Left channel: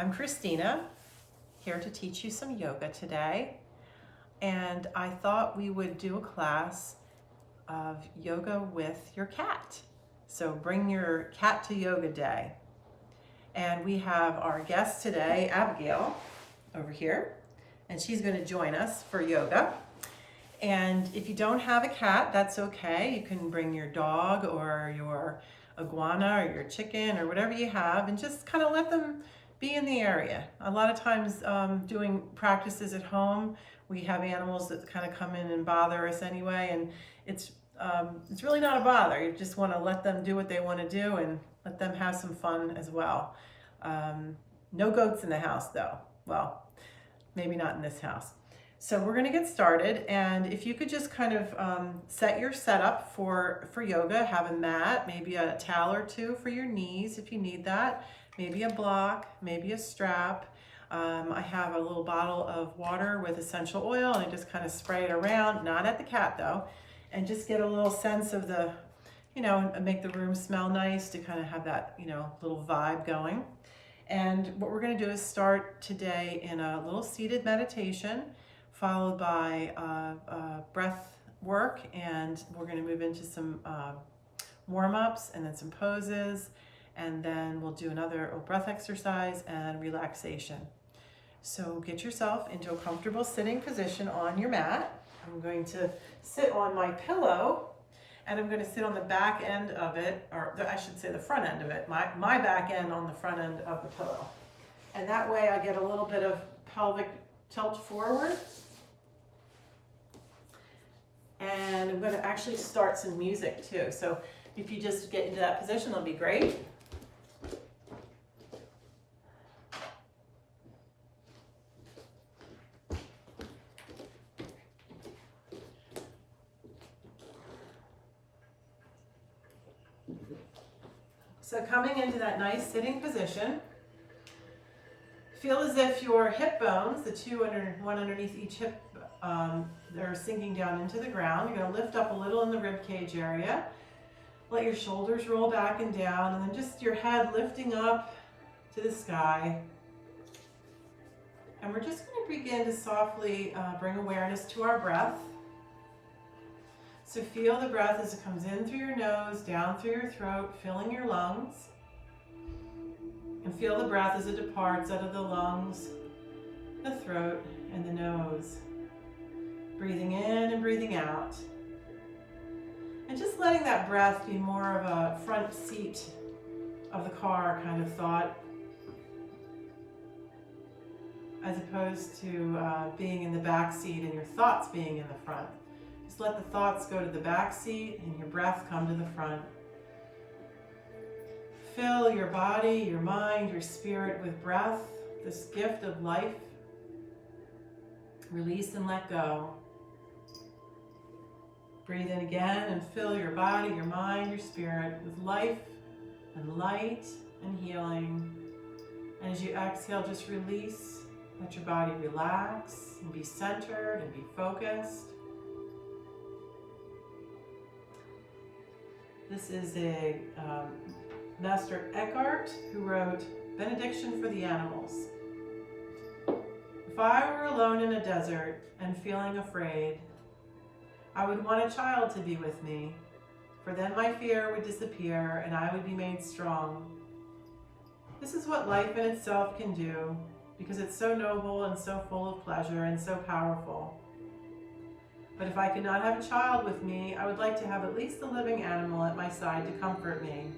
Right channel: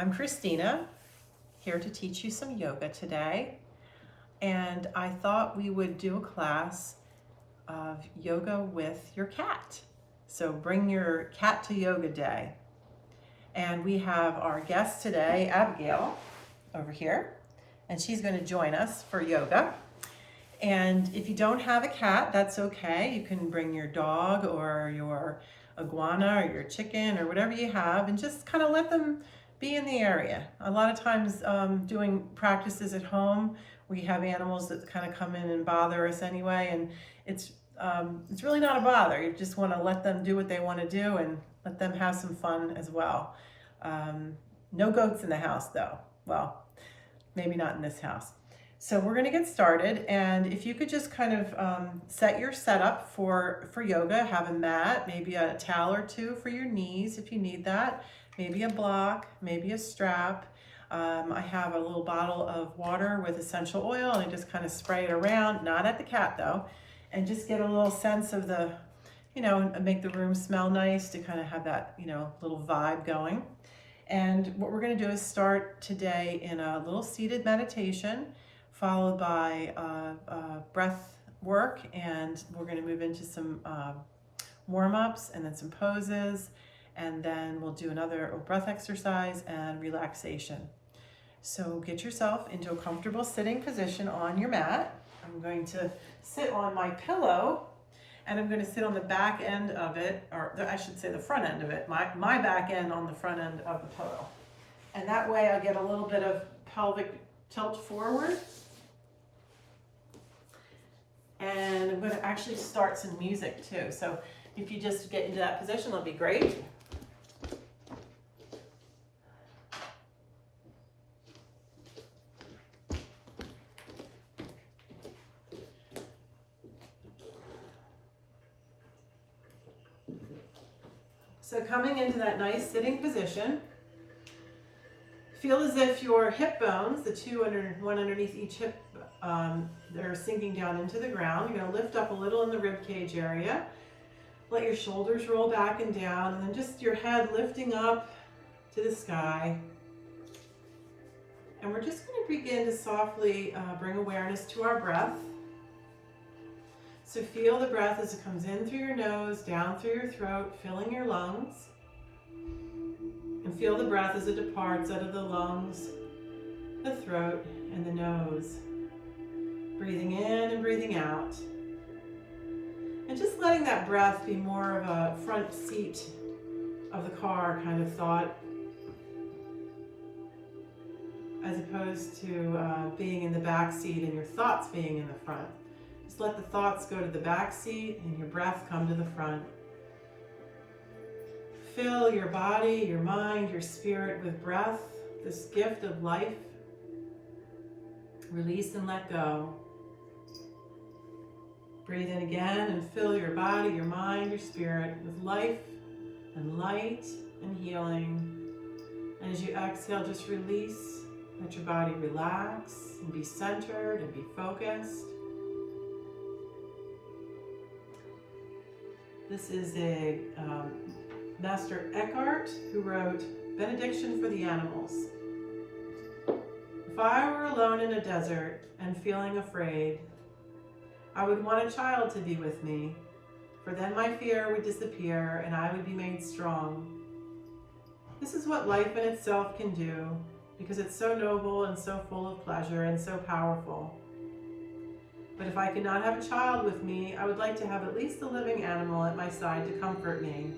I'm Christina, here to teach you some yoga today. And I thought we would do a class of yoga with your cat. So bring your cat to yoga day. And we have our guest today, Abigail, over here, and she's going to join us for yoga. And if you don't have a cat, that's okay. You can bring your dog or your iguana or your chicken or whatever you have and just kind of let them be in the area. A lot of times doing practices at home, we have animals that kind of come in and bother us anyway, and it's really not a bother. You just want to let them do what they want to do and let them have some fun as well. No goats in the house though. Well, maybe not in this house. So we're going to get started, and if you could just kind of set your setup for yoga, have a mat, maybe a towel or two for your knees if you need that, maybe a block, maybe a strap. I have a little bottle of water with essential oil, and I just kind of spray it around, not at the cat though, and just get a little sense of the, make the room smell nice to kind of have that, little vibe going. And what we're going to do is start today in a little seated meditation, followed by breath work, and we're going to move into some warm-ups and then some poses, and then we'll do another breath exercise and relaxation. So get yourself into a comfortable sitting position on your mat. I'm going to sit on my pillow, and I'm going to sit on the back end of it, or I should say the front end of it, my back end on the front end of the pillow. And that way I get a little bit of pelvic tilt forward. And I'm going to actually start some music too. So if you just get into that position, that'll be great. So coming into that nice sitting position, feel as if your hip bones, the one underneath each hip, they're sinking down into the ground. You're going to lift up a little in the rib cage area. Let your shoulders roll back and down, and then just your head lifting up to the sky. And we're just going to begin to softly bring awareness to our breath. So feel the breath as it comes in through your nose, down through your throat, filling your lungs. And feel the breath as it departs out of the lungs, the throat, and the nose. Breathing in and breathing out. And just letting that breath be more of a front seat of the car kind of thought, as opposed to being in the back seat and your thoughts being in the front. Just let the thoughts go to the back seat and your breath come to the front. Fill your body, your mind, your spirit with breath, this gift of life. Release and let go. Breathe in again and fill your body, your mind, your spirit with life and light and healing. And as you exhale, just release. Let your body relax and be centered and be focused. This is a Master Eckhart who wrote Benediction for the Animals. If I were alone in a desert and feeling afraid, I would want a child to be with me, for then my fear would disappear and I would be made strong. This is what life in itself can do, because it's so noble and so full of pleasure and so powerful. But if I could not have a child with me, I would like to have at least a living animal at my side to comfort me.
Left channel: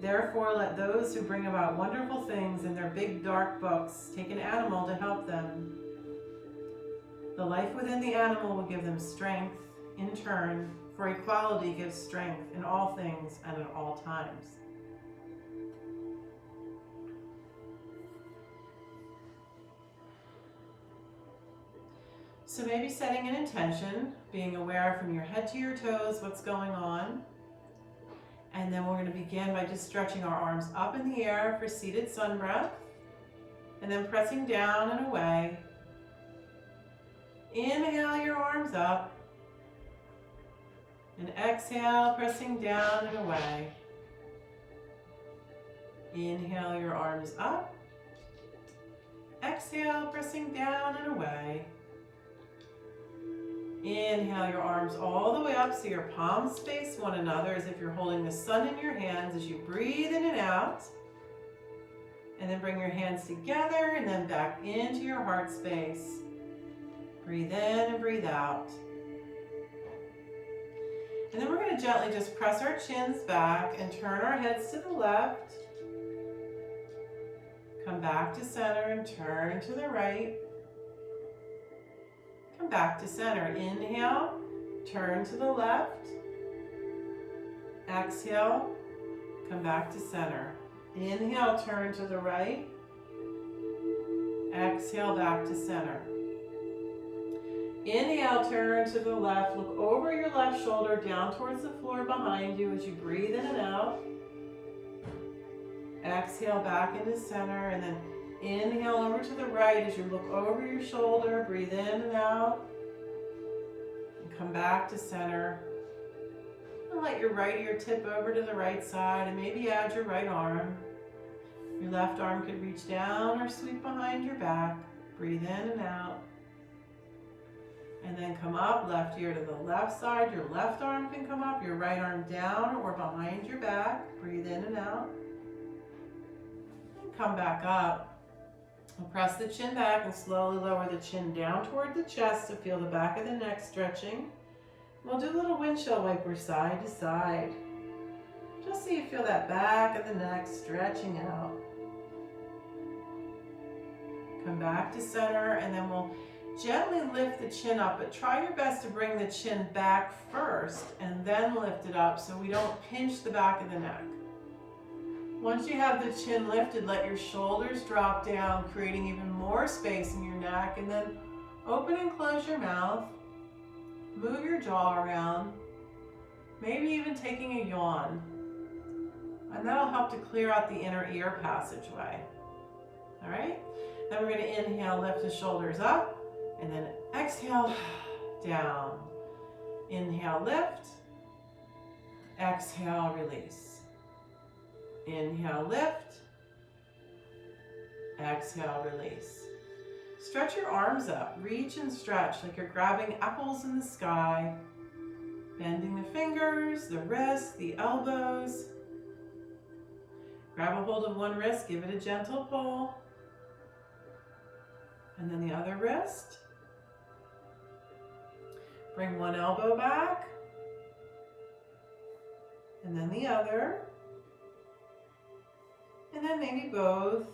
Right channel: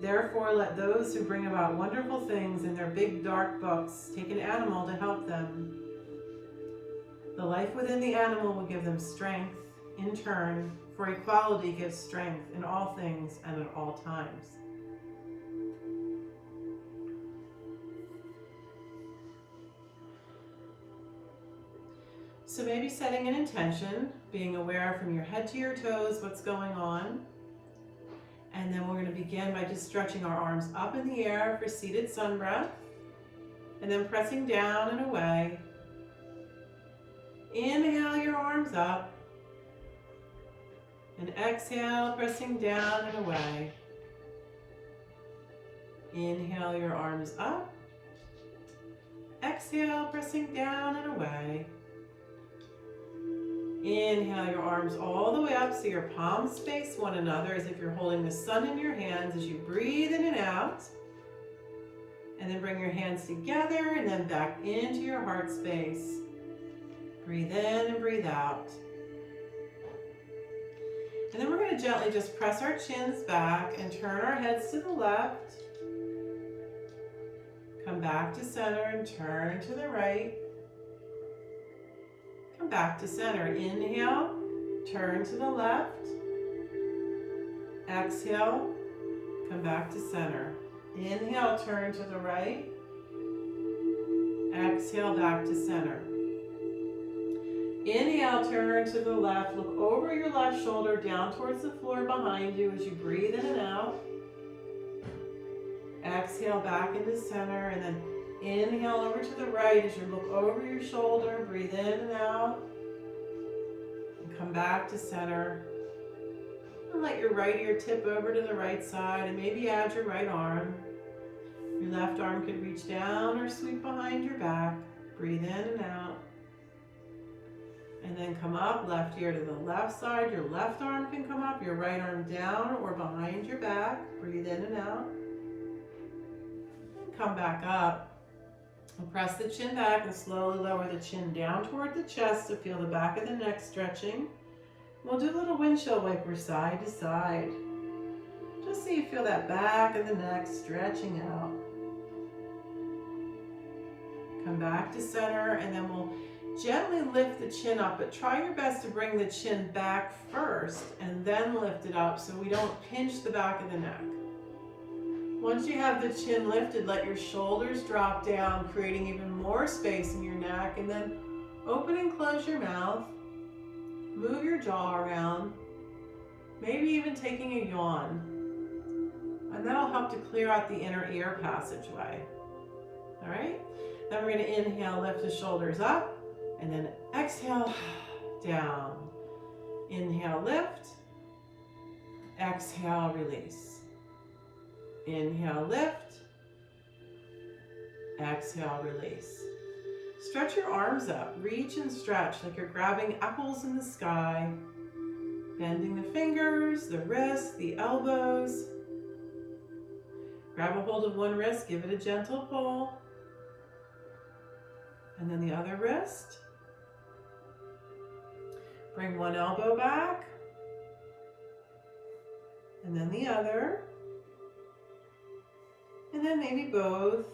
Therefore, let those who bring about wonderful things in their big dark books take an animal to help them. The life within the animal will give them strength in turn, for equality gives strength in all things and at all times. So maybe setting an intention, being aware from your head to your toes what's going on. And then we're going to begin by just stretching our arms up in the air for seated sun breath. And then pressing down and away. Inhale your arms up. And exhale, pressing down and away. Inhale your arms up. Exhale, pressing down and away. Inhale your arms all the way up so your palms face one another as if you're holding the sun in your hands as you breathe in and out. And then bring your hands together and then back into your heart space. Breathe in and breathe out. And then we're going to gently just press our chins back and turn our heads to the left. Come back to center and turn to the right. Come back to center. Inhale, turn to the left. Exhale, come back to center. Inhale, turn to the right. Exhale, back to center. Inhale, turn to the left. Look over your left shoulder down towards the floor behind you as you breathe in and out. Exhale, back into center, and then inhale over to the right as you look over your shoulder. Breathe in and out. And come back to center. And let your right ear tip over to the right side and maybe add your right arm. Your left arm could reach down or sweep behind your back. Breathe in and out. And then come up, left ear to the left side. Your left arm can come up, your right arm down or behind your back. Breathe in and out. Come back up. We'll press the chin back and slowly lower the chin down toward the chest to feel the back of the neck stretching. We'll do a little windshield wiper side to side. Just so you feel that back of the neck stretching out. Come back to center and then we'll gently lift the chin up, but try your best to bring the chin back first and then lift it up so we don't pinch the back of the neck. Once you have the chin lifted, let your shoulders drop down, creating even more space in your neck, and then open and close your mouth. Move your jaw around, maybe even taking a yawn. And that'll help to clear out the inner ear passageway. All right? Then we're going to inhale, lift the shoulders up, and then exhale, down. Inhale, lift. Exhale, release. Inhale, lift. Exhale, release. Stretch your arms up. Reach and stretch like you're grabbing apples in the sky. Bending the fingers, the wrists, the elbows. Grab a hold of one wrist, give it a gentle pull. And then the other wrist. Bring one elbow back. And then the other. And then maybe both.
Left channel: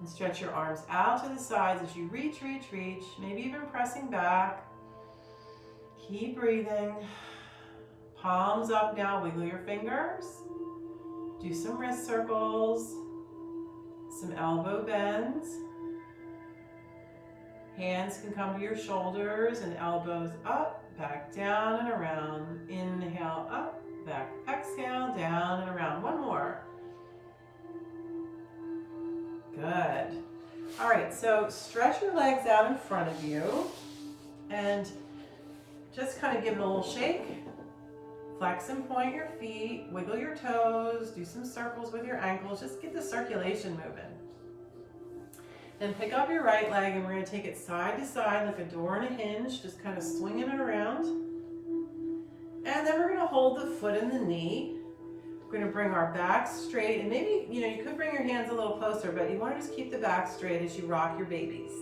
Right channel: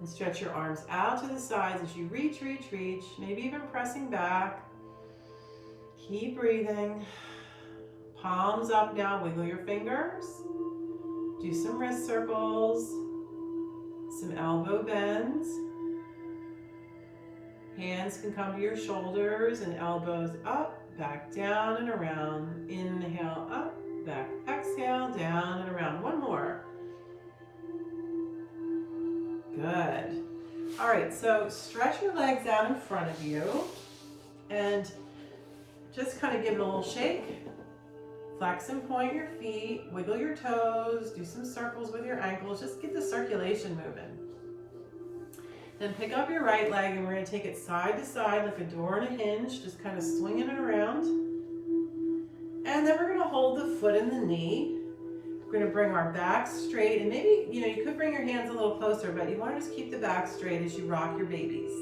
And stretch your arms out to the sides as you reach, reach, reach. Maybe even pressing back. Keep breathing. Palms up now. Wiggle your fingers. Do some wrist circles. Some elbow bends. Hands can come to your shoulders and elbows up, back down and around. Inhale up, back, exhale, down and around. One more. Good. All right, so stretch your legs out in front of you and just kind of give it a little shake. Flex and point your feet, wiggle your toes, do some circles with your ankles, just get the circulation moving. Then pick up your right leg and we're going to take it side to side like a door and a hinge, just kind of swinging it around. And then we're going to hold the foot in the knee. We're going to bring our back straight, and maybe, you could bring your hands a little closer, but you want to just keep the back straight as you rock your babies.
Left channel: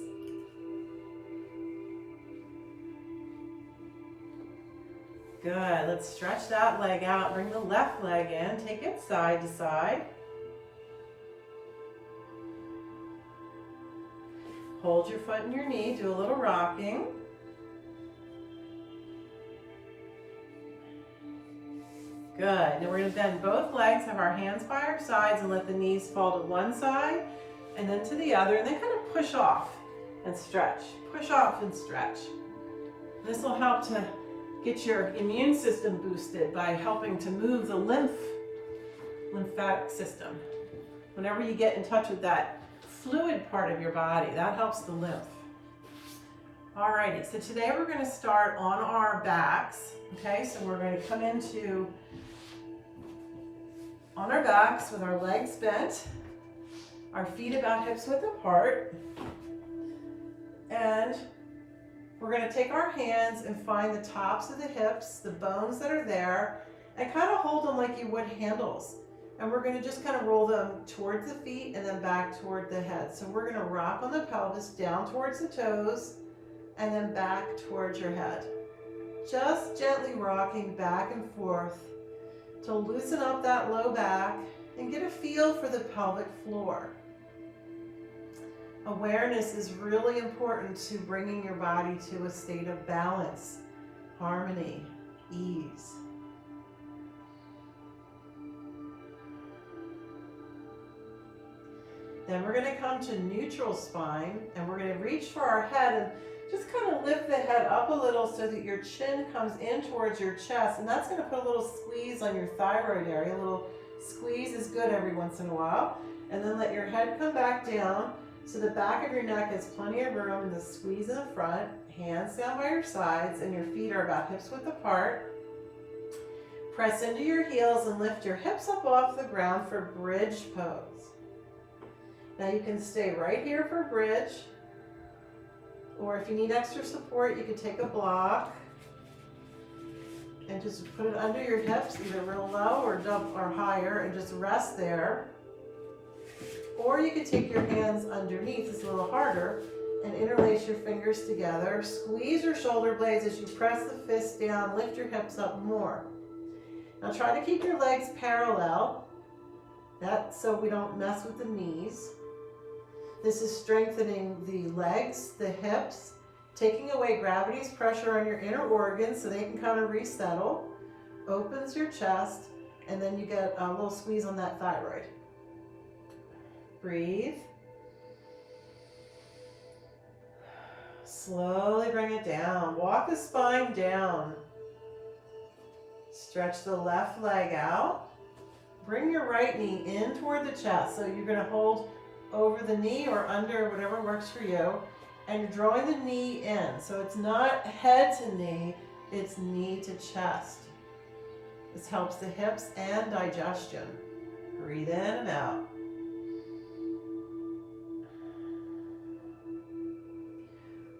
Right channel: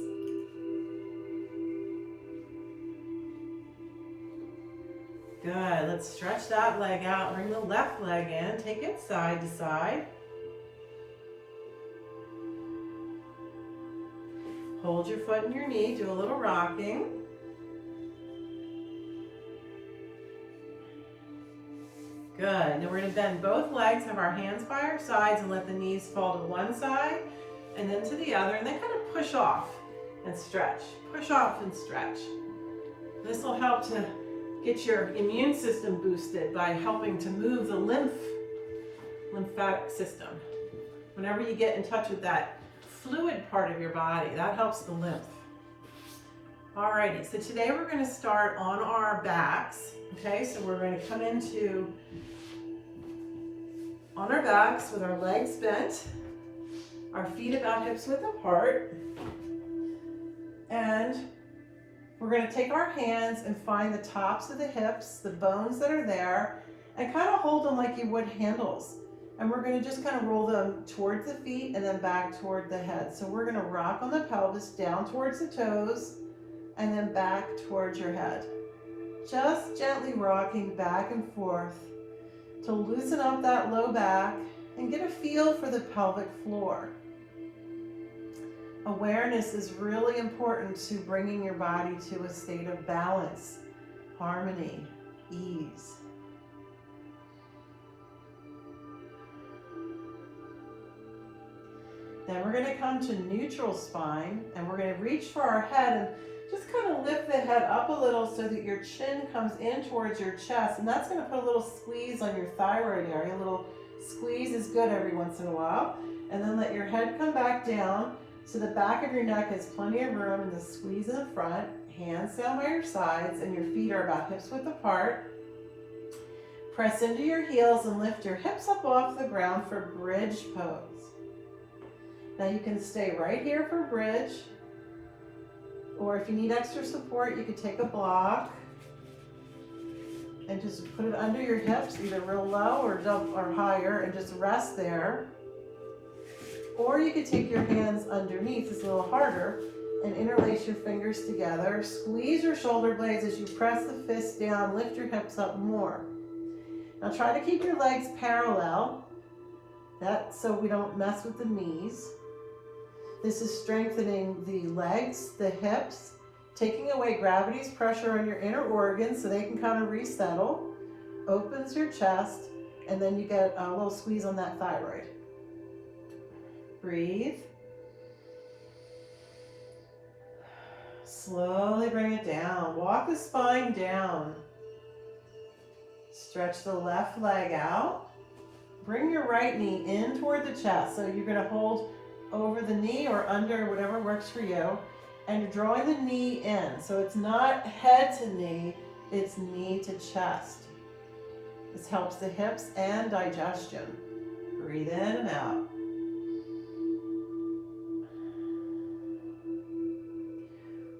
Good, let's stretch that leg out, bring the left leg in, take it side to side. Hold your foot in your knee, do a little rocking. Good, now we're gonna bend both legs, have our hands by our sides and let the knees fall to one side and then to the other, and then kind of push off and stretch. Push off and stretch. This will help to get your immune system boosted by helping to move the lymphatic system. Whenever you get in touch with that fluid part of your body, that helps the lymph. Alrighty, so today we're going to start on our backs. Okay, so we're going to come into on our backs with our legs bent, our feet about hips width apart, and we're going to take our hands and find the tops of the hips, the bones that are there, and kind of hold them like you would handles. And we're going to just kind of roll them towards the feet and then back toward the head. So we're going to rock on the pelvis down towards the toes and then back towards your head. Just gently rocking back and forth to loosen up that low back and get a feel for the pelvic floor. Awareness is really important to bringing your body to a state of balance, harmony, ease. Then we're going to come to neutral spine, and we're going to reach for our head and just kind of lift the head up a little so that your chin comes in towards your chest, and that's going to put a little squeeze on your thyroid area. A little squeeze is good every once in a while. And then let your head come back down so the back of your neck has plenty of room, and the squeeze in the front, hands down by your sides, and your feet are about hips width apart. Press into your heels and lift your hips up off the ground for bridge pose. Now you can stay right here for bridge, or if you need extra support, you could take a block and just put it under your hips, either real low or higher, and just rest there. Or you could take your hands underneath, it's a little harder, and interlace your fingers together. Squeeze your shoulder blades as you press the fists down, lift your hips up more. Now try to keep your legs parallel, that's so we don't mess with the knees. This is strengthening the legs, the hips, taking away gravity's pressure on your inner organs so they can kind of resettle, opens your chest, and then you get a little squeeze on that thyroid. Breathe. Slowly bring it down. Walk the spine down. Stretch the left leg out. Bring your right knee in toward the chest. So you're going to hold over the knee or under, whatever works for you. And you're drawing the knee in. So it's not head to knee, it's knee to chest. This helps the hips and digestion. Breathe in and out.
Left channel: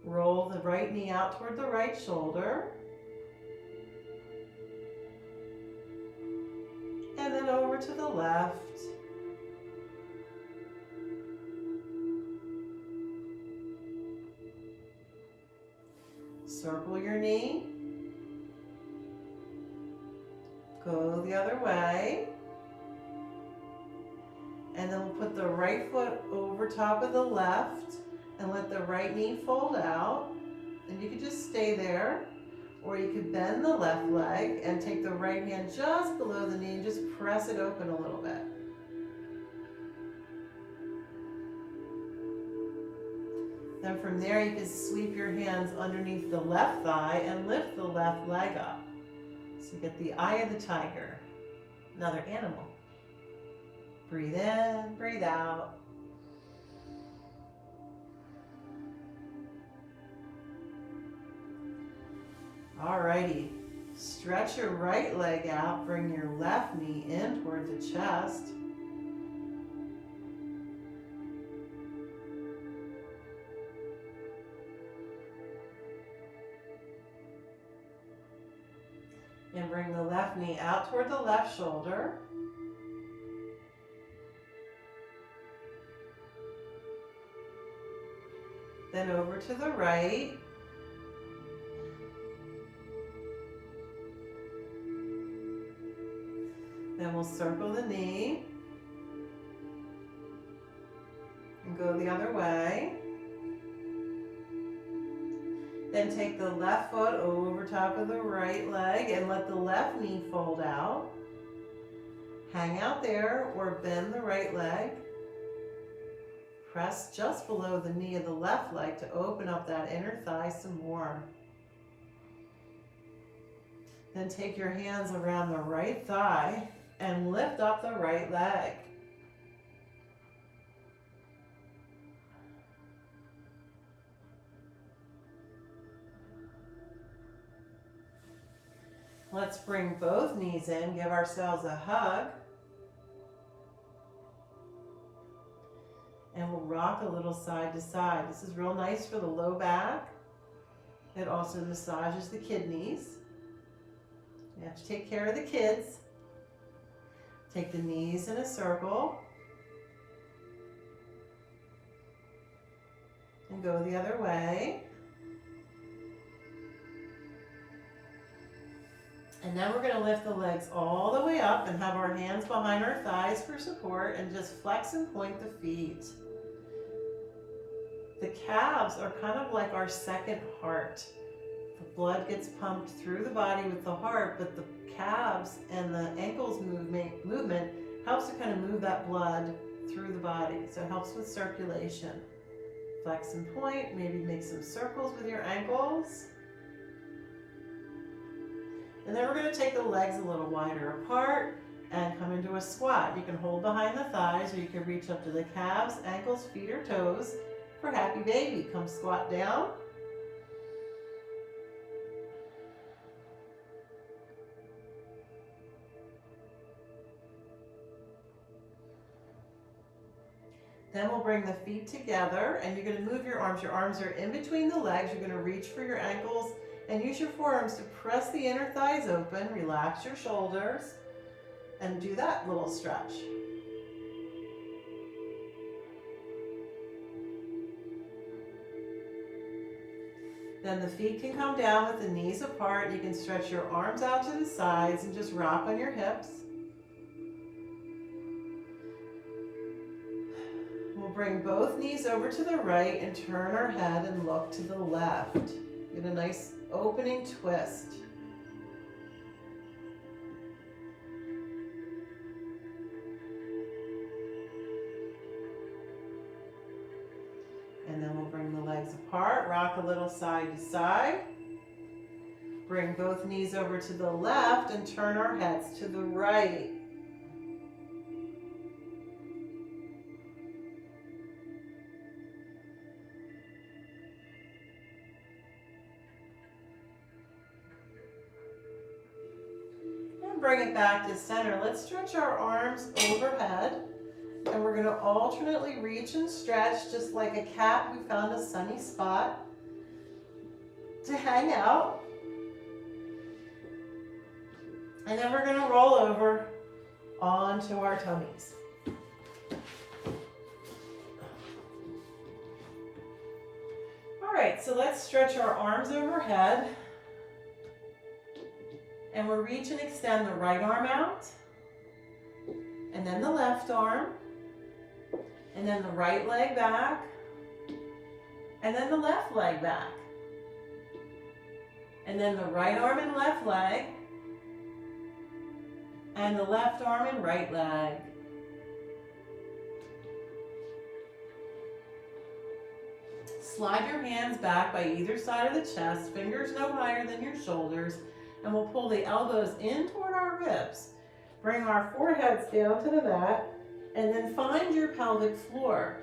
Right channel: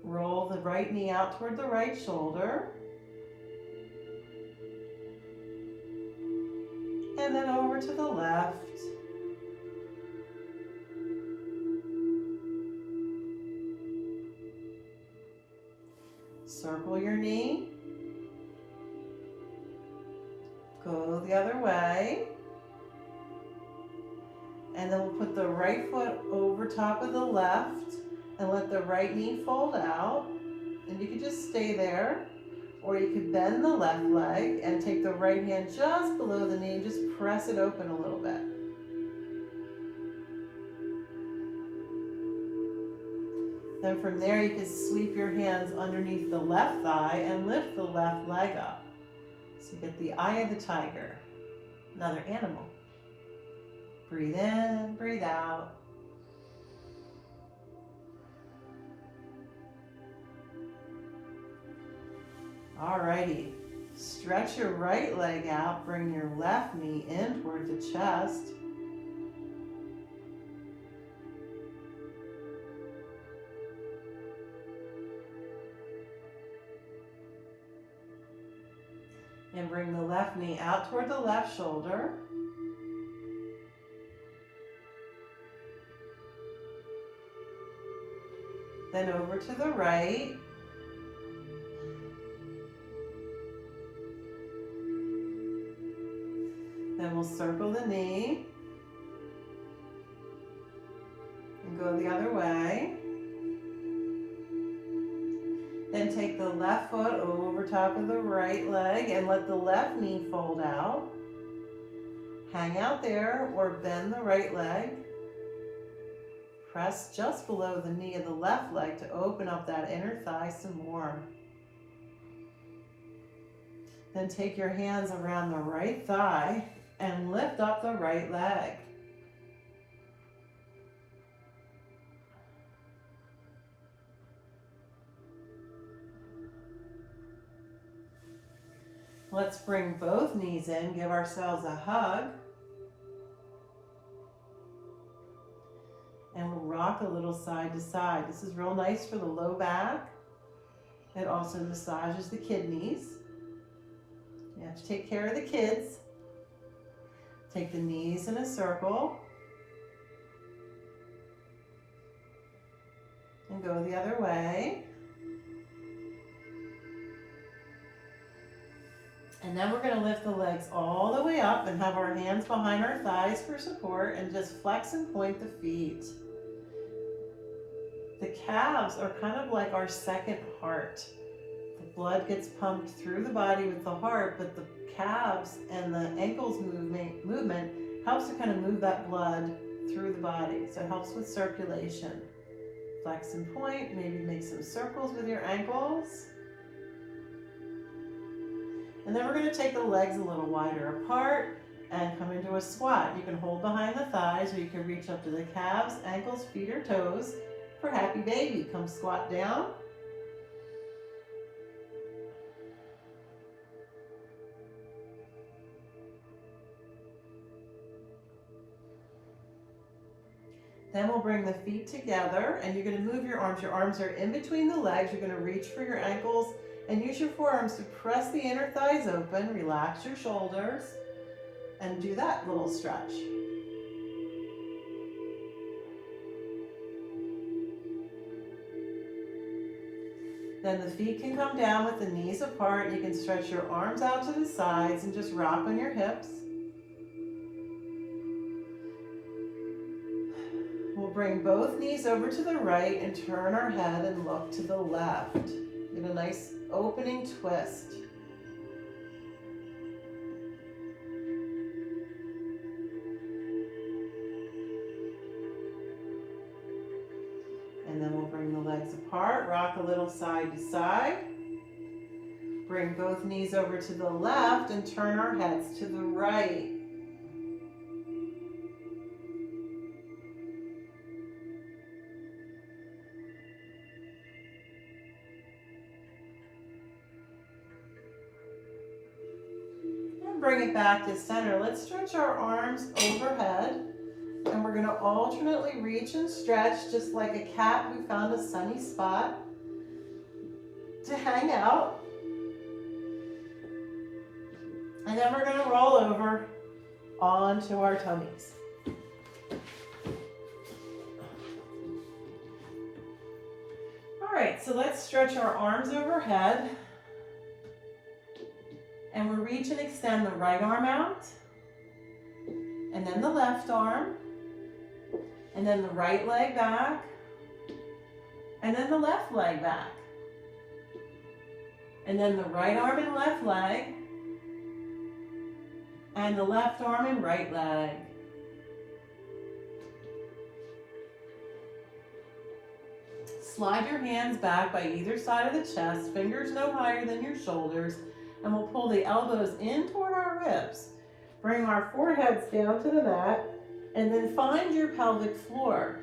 Roll the right knee out toward the right shoulder. And then over to the left. Circle your knee. Go the other way. And then we'll put the right foot over top of the left and let the right knee fold out. And you could just stay there, or you could bend the left leg and take the right hand just below the knee and just press it open a little bit. Then from there you can sweep your hands underneath the left thigh and lift the left leg up. So you get the eye of the tiger, another animal. Breathe in, breathe out. Alrighty, stretch your right leg out, bring your left knee in toward the chest. And bring the left knee out toward the left shoulder. Then over to the right. Then we'll circle the knee and go the other way. Then take the left foot over top of the right leg and let the left knee fold out. Hang out there or bend the right leg. Press just below the knee of the left leg to open up that inner thigh some more. Then take your hands around the right thigh and lift up the right leg. Let's bring both knees in, give ourselves a hug. And we'll rock a little side to side. This is real nice for the low back. It also massages the kidneys. You have to take care of the kids. Take the knees in a circle. And go the other way. And then we're going to lift the legs all the way up and have our hands behind our thighs for support and just flex and point the feet. The calves are kind of like our second heart. The blood gets pumped through the body with the heart, but the calves and the ankles movement helps to kind of move that blood through the body. So it helps with circulation. Flex and point, maybe make some circles with your ankles. And then we're going to take the legs a little wider apart and come into a squat. You can hold behind the thighs, or you can reach up to the calves, ankles, feet, or toes for happy baby. Come squat down. Then we'll bring the feet together, and you're going to move your arms. Your arms are in between the legs. You're going to reach for your ankles and use your forearms to press the inner thighs open. Relax your shoulders and do that little stretch. Then the feet can come down with the knees apart. You can stretch your arms out to the sides and just rock on your hips. We'll bring both knees over to the right and turn our head and look to the left. Get a nice opening twist. And then we'll bring the legs apart, rock a little side to side. Bring both knees over to the left and turn our heads to the right. Bring it back to center. Let's stretch our arms overhead, and we're going to alternately reach and stretch just like a cat who found a sunny spot to hang out. And then we're going to roll over onto our tummies. All right, so let's stretch our arms overhead. And we'll reach and extend the right arm out, and then the left arm, and then the right leg back, and then the left leg back, and then the right arm and left leg, and the left arm and right leg. Slide your hands back by either side of the chest, fingers no higher than your shoulders, and we'll pull the elbows in toward our ribs. Bring our foreheads down to the mat, and then find your pelvic floor.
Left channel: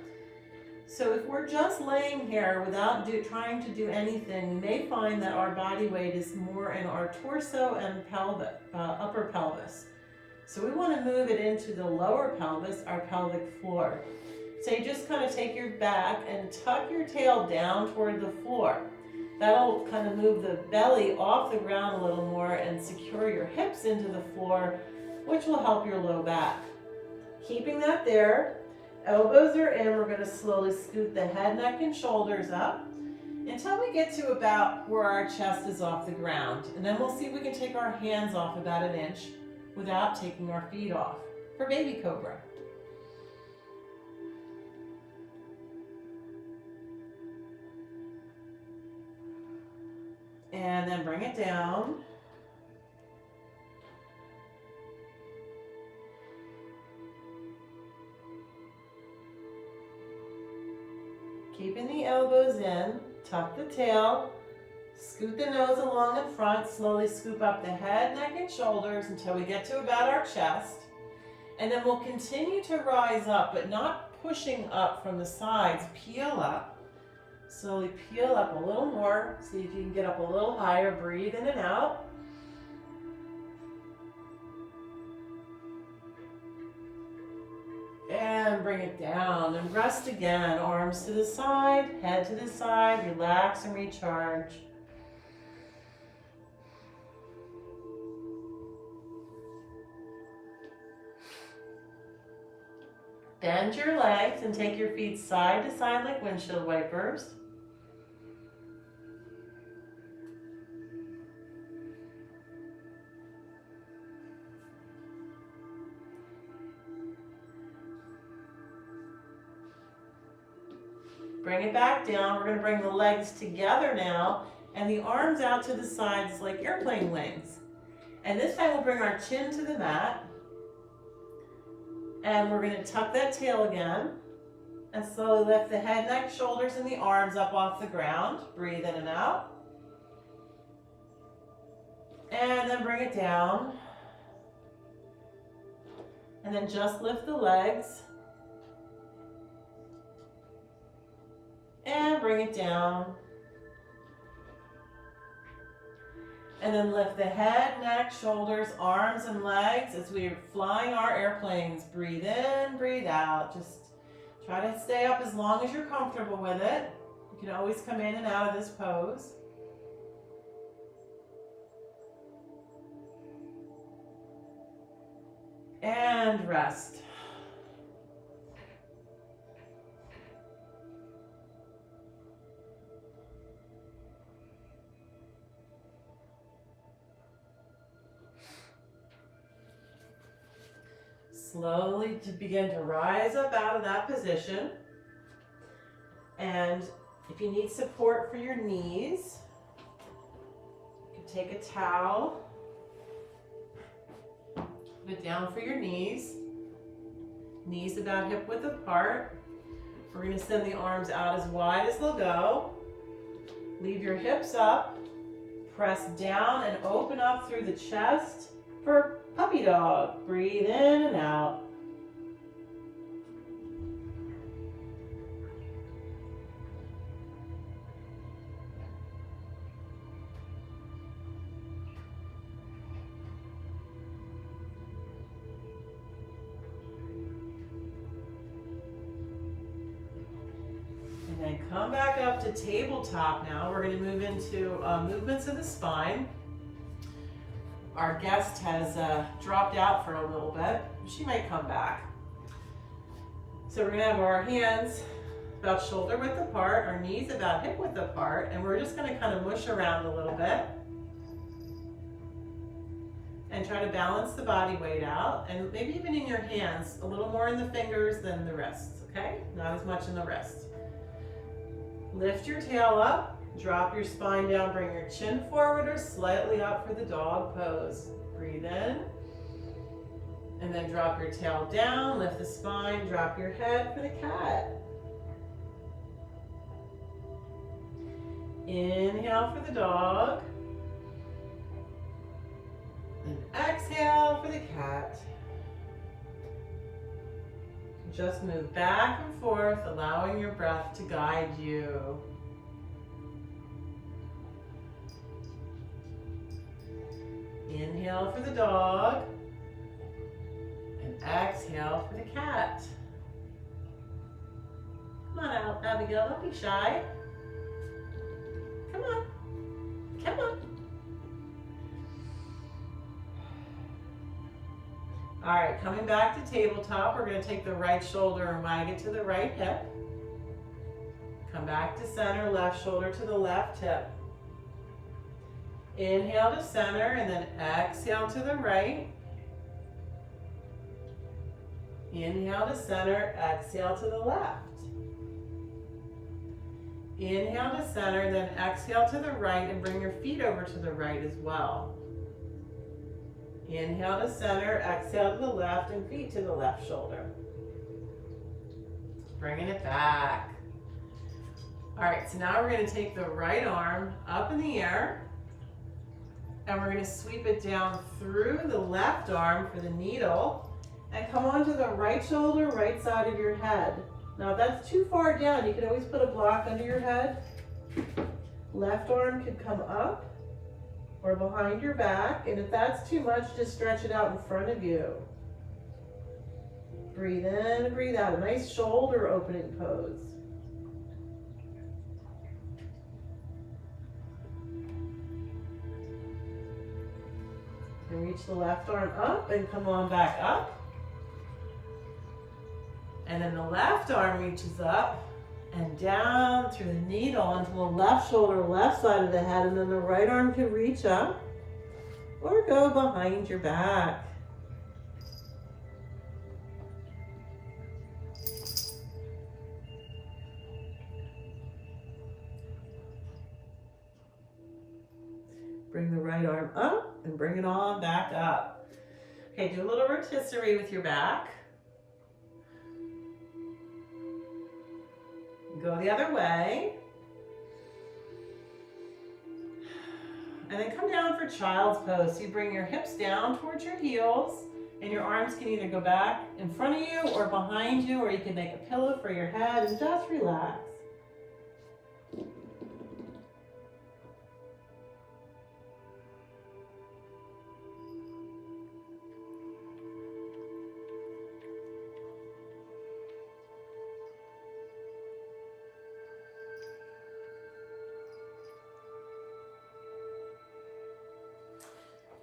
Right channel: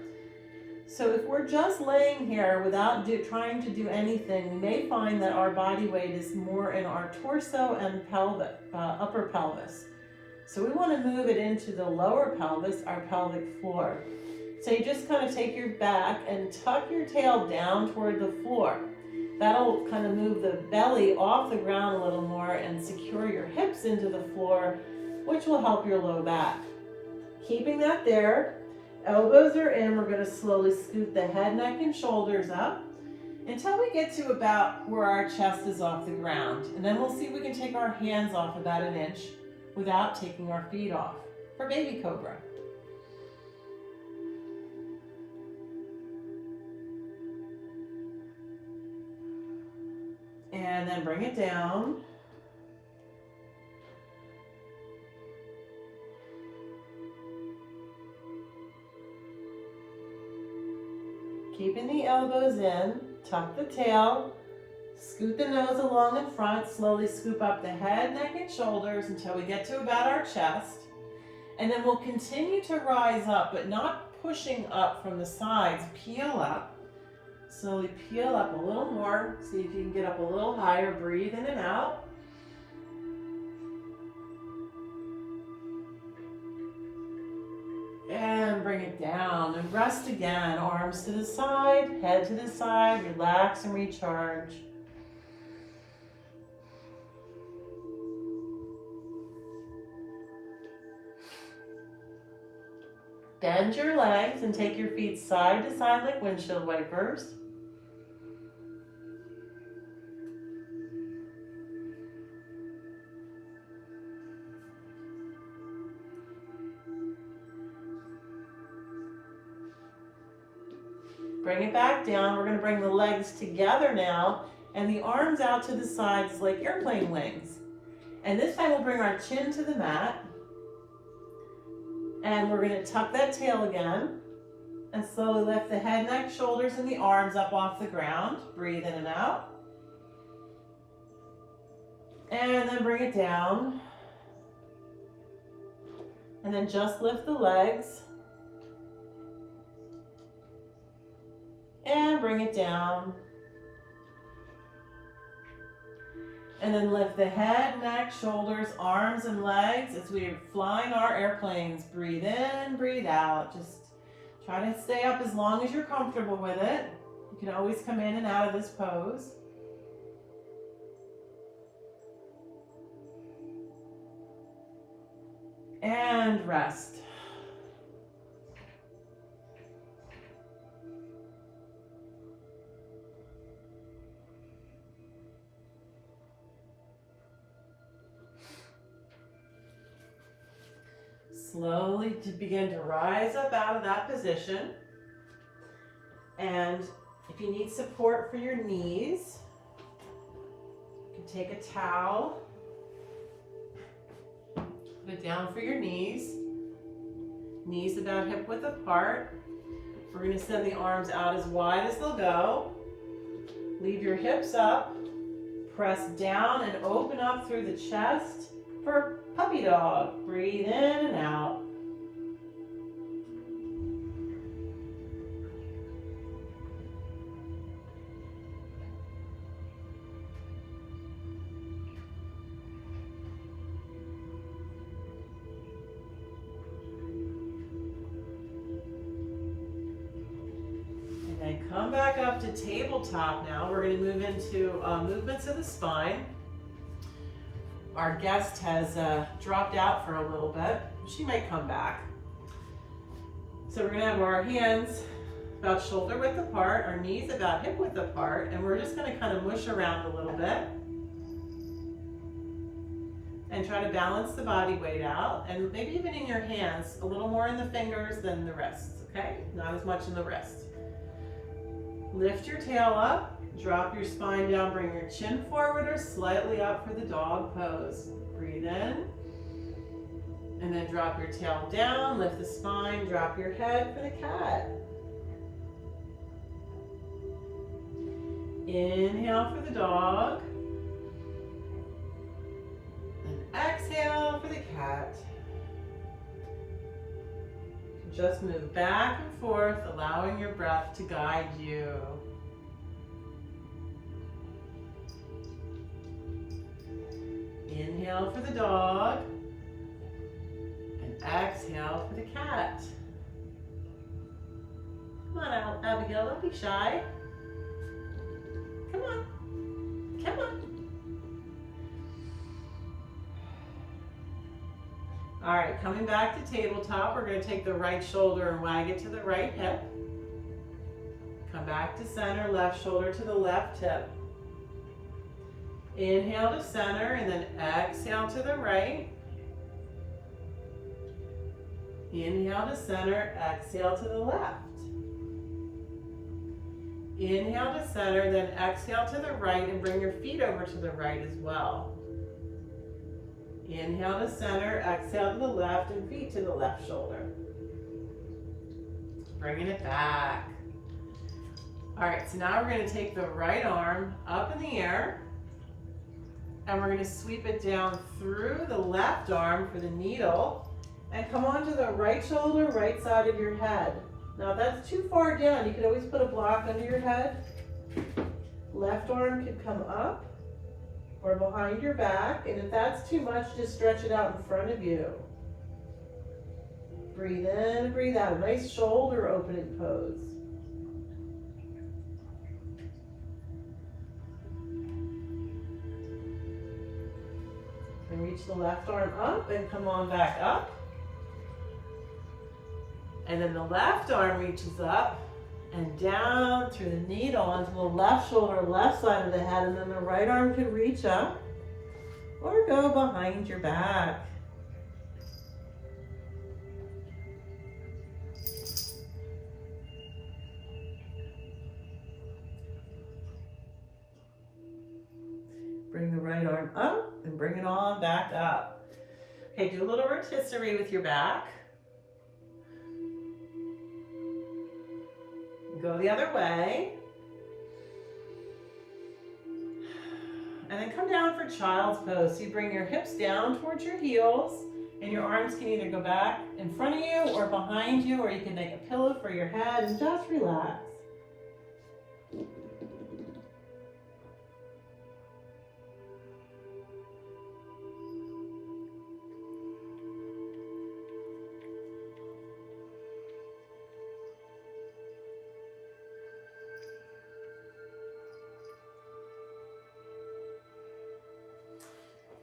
So if we're just laying here without trying to do anything, we may find that our body weight is more in our torso and pelvic, upper pelvis. So we want to move it into the lower pelvis, our pelvic floor. So you just kind of take your back and tuck your tail down toward the floor. That'll kind of move the belly off the ground a little more and secure your hips into the floor, which will help your low back. Keeping that there, elbows are in, we're going to slowly scoot the head, neck, and shoulders up until we get to about where our chest is off the ground. And then we'll see if we can take our hands off about an inch without taking our feet off for baby cobra. And then bring it down. Keeping the elbows in, tuck the tail, scoot the nose along in front, slowly scoop up the head, neck, and shoulders until we get to about our chest. And then we'll continue to rise up, but not pushing up from the sides. Peel up. Slowly peel up a little more. See if you can get up a little higher. Breathe in and out. And bring it down and rest again. Arms to the side, head to the side, relax and recharge. Bend your legs and take your feet side to side like windshield wipers. Bring it back down. We're going to bring the legs together now and the arms out to the sides like airplane wings. And this time we'll bring our chin to the mat. And we're going to tuck that tail again and slowly lift the head, neck, shoulders, and the arms up off the ground. Breathe in and out. And then bring it down. And then just lift the legs. And bring it down. And then lift the head, neck, shoulders, arms, and legs as we are flying our airplanes. Breathe in, breathe out. Just try to stay up as long as you're comfortable with it. You can always come in and out of this pose. And rest. Slowly to begin to rise up out of that position. And if you need support for your knees, you can take a towel, put it down for your knees. Knees about hip width apart. We're going to send the arms out as wide as they'll go. Leave your hips up. Press down and open up through the chest for puppy dog. Breathe in and out. And then come back up to tabletop now. We're going to move into movements of the spine. Our guest has dropped out for a little bit. She may come back. So we're going to have our hands about shoulder width apart, our knees about hip width apart, and we're just going to kind of mush around a little bit and try to balance the body weight out, and maybe even in your hands, a little more in the fingers than the wrists, okay? Not as much in the wrist. Lift your tail up. Drop your spine down, bring your chin forward or slightly up for the dog pose. Breathe in. And then drop your tail down, lift the spine, drop your head for the cat. Inhale for the dog. And exhale for the cat. Just move back and forth, allowing your breath to guide you. Inhale for the dog, and exhale for the cat. Come on out, Abigail, don't be shy. Come on, come on. All right, coming back to tabletop, we're going to take the right shoulder and wag it to the right hip. Come back to center, left shoulder to the left hip. Inhale to center and then exhale to the right. Inhale to center, exhale to the left. Inhale to center, then exhale to the right and bring your feet over to the right as well. Inhale to center, exhale to the left and feet to the left shoulder. Bringing it back. All right, so now we're going to take the right arm up in the air. And we're going to sweep it down through the left arm for the needle and come onto the right shoulder, right side of your head. Now if that's too far down, you can always put a block under your head. Left arm could come up or behind your back, and if that's too much, just stretch it out in front of you. Breathe in and breathe out. Nice shoulder opening pose. And reach the left arm up and come on back up. And then the left arm reaches up and down through the needle onto the left shoulder, left side of the head, and then the right arm can reach up or go behind your back. Bring the right arm up and bring it on back up. Okay, do a little rotisserie with your back. Go the other way. And then come down for child's pose. So you bring your hips down towards your heels and your arms can either go back in front of you or behind you, or you can make a pillow for your head and just relax.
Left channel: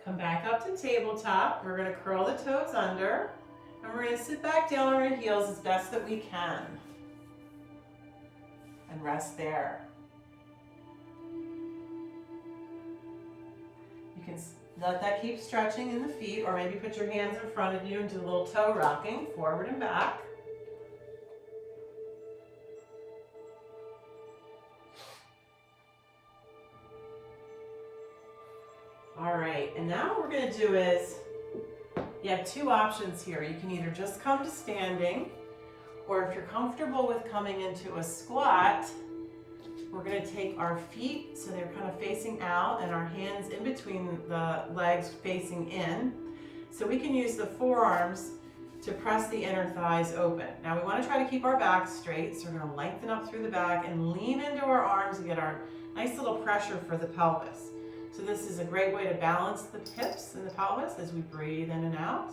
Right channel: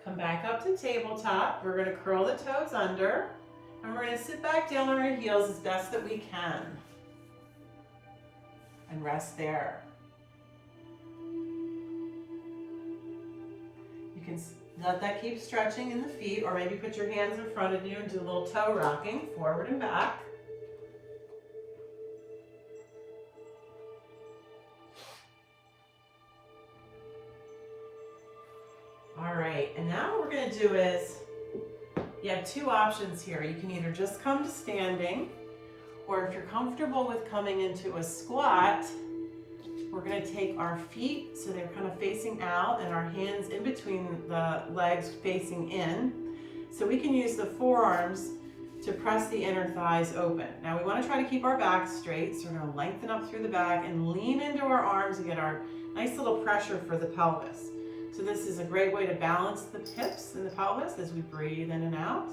Come back up to tabletop. We're going to curl the toes under, and we're going to sit back down on our heels as best that we can. And rest there. You can let that keep stretching in the feet, or maybe put your hands in front of you and do a little toe rocking, forward and back. All right, and now what we're going to do is, you have two options here. You can either just come to standing, or if you're comfortable with coming into a squat, we're going to take our feet so they're kind of facing out and our hands in between the legs facing in. So we can use the forearms to press the inner thighs open. Now we want to try to keep our back straight, so we're going to lengthen up through the back and lean into our arms and get our nice little pressure for the pelvis. So this is a great way to balance the hips and the pelvis as we breathe in and out.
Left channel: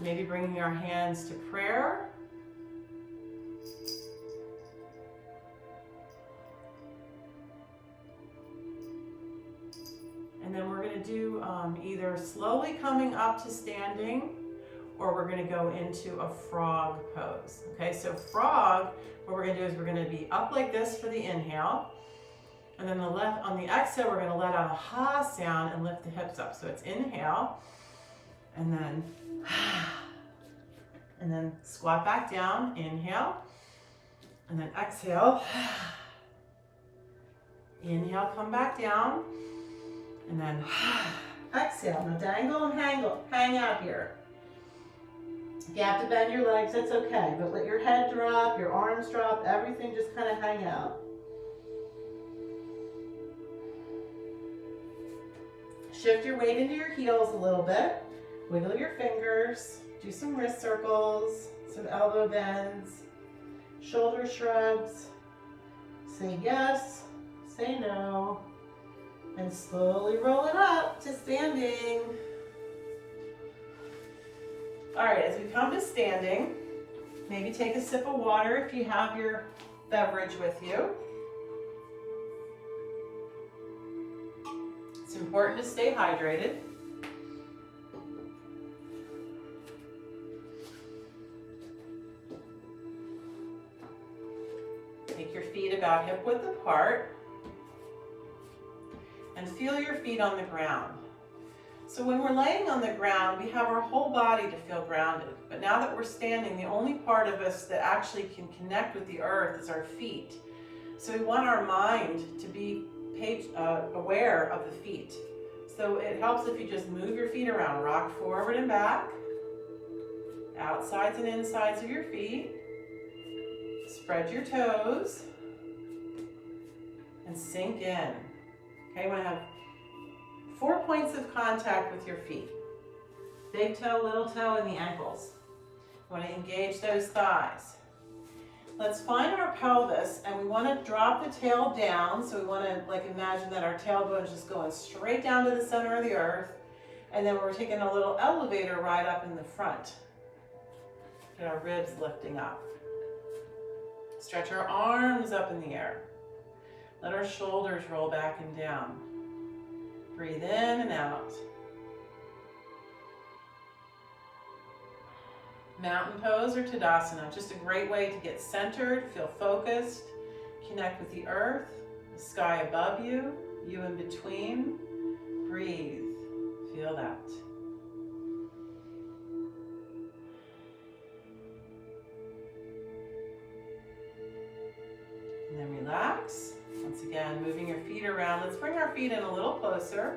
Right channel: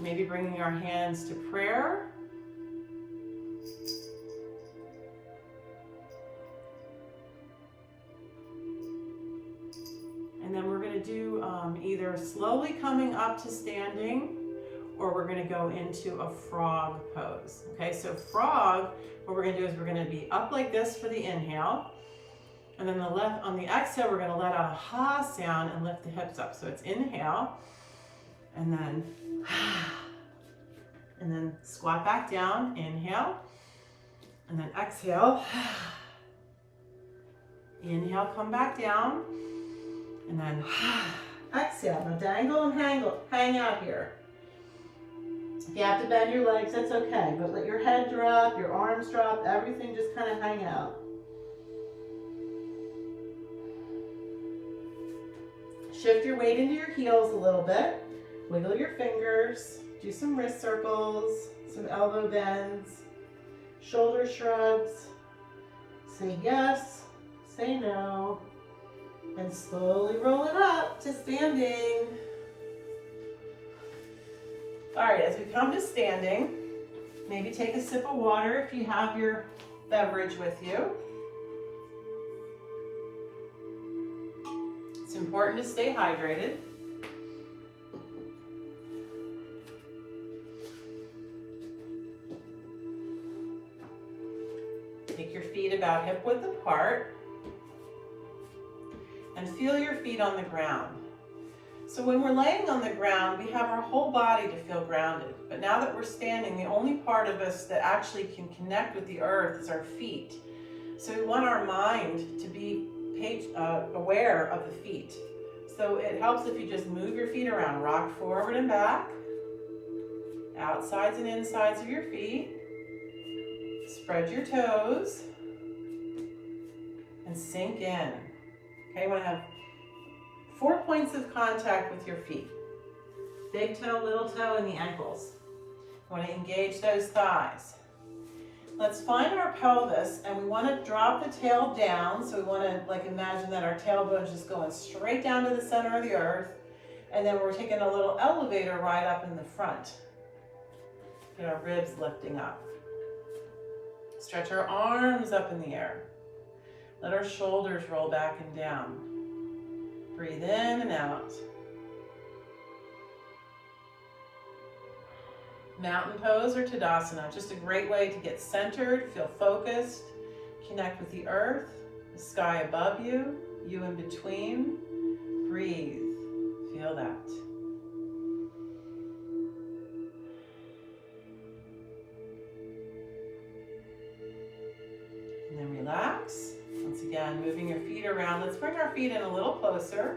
Maybe bringing our hands to prayer. And then we're going to do either slowly coming up to standing, or we're going to go into a frog pose. Okay, so frog, what we're going to do is we're going to be up like this for the inhale, and then on the exhale, we're going to let out a ha sound and lift the hips up. So it's inhale, and then squat back down, inhale, and then exhale. Inhale, come back down, and then exhale. Now dangle and hang out here. If you have to bend your legs, that's okay, but let your head drop, your arms drop, everything just kind of hang out. Shift your weight into your heels a little bit. Wiggle your fingers, do some wrist circles, some elbow bends, shoulder shrugs. Say yes, say no, and slowly roll it up to standing. All right, as we come to standing, maybe take a sip of water if you have your beverage with you. It's important to stay hydrated. Take your feet about hip width apart and feel your feet on the ground. So when we're laying on the ground, we have our whole body to feel grounded. But now that we're standing, the only part of us that actually can connect with the earth is our feet. So we want our mind to be aware of the feet. So it helps if you just move your feet around, rock forward and back, outsides and insides of your feet. Spread your toes and sink in. Okay, you want to have 4 points of contact with your feet. Big toe, little toe, and the ankles. You want to engage those thighs. Let's find our pelvis, and we want to drop the tail down. So we want to like imagine that our tailbone is just going straight down to the center of the earth. And then we're taking a little elevator ride up in the front. Get our ribs lifting up. Stretch our arms up in the air. Let our shoulders roll back and down. Breathe in and out. Mountain pose or Tadasana, just a great way to get centered, feel focused, connect with the earth, the sky above you, you in between. Breathe, feel that. And then relax. Once again, moving your feet around. Let's bring our feet in a little closer.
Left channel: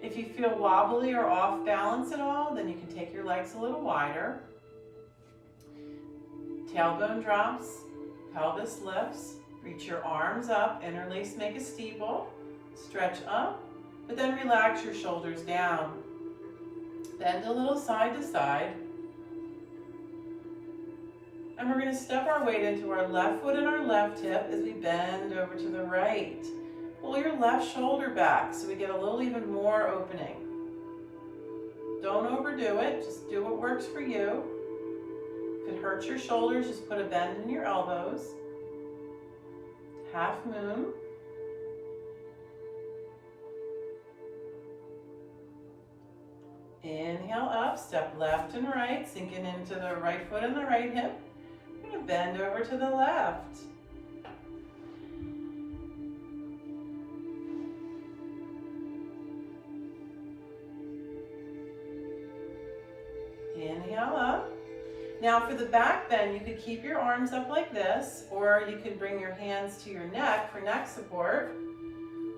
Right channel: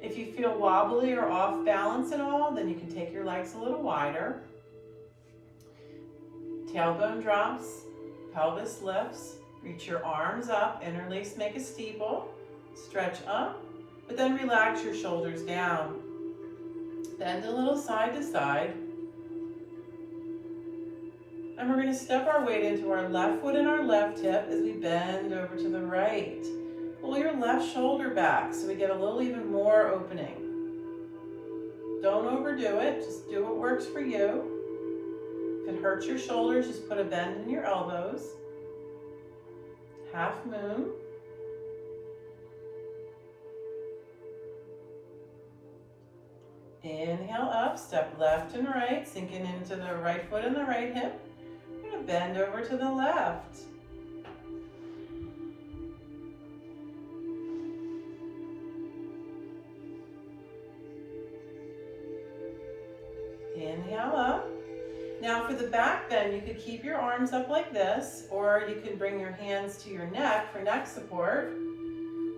If you feel wobbly or off balance at all, then you can take your legs a little wider. Tailbone drops, pelvis lifts, reach your arms up, interlace, make a steeple, stretch up, but then relax your shoulders down. Bend a little side to side. And we're going to step our weight into our left foot and our left hip as we bend over to the right. Pull your left shoulder back so we get a little even more opening. Don't overdo it, just do what works for you. If it hurts your shoulders, just put a bend in your elbows. Half moon. Inhale up, step left and right, sinking into the right foot and the right hip. We're going to bend over to the left. Inhale up. Now for the back bend, you could keep your arms up like this, or you can bring your hands to your neck for neck support,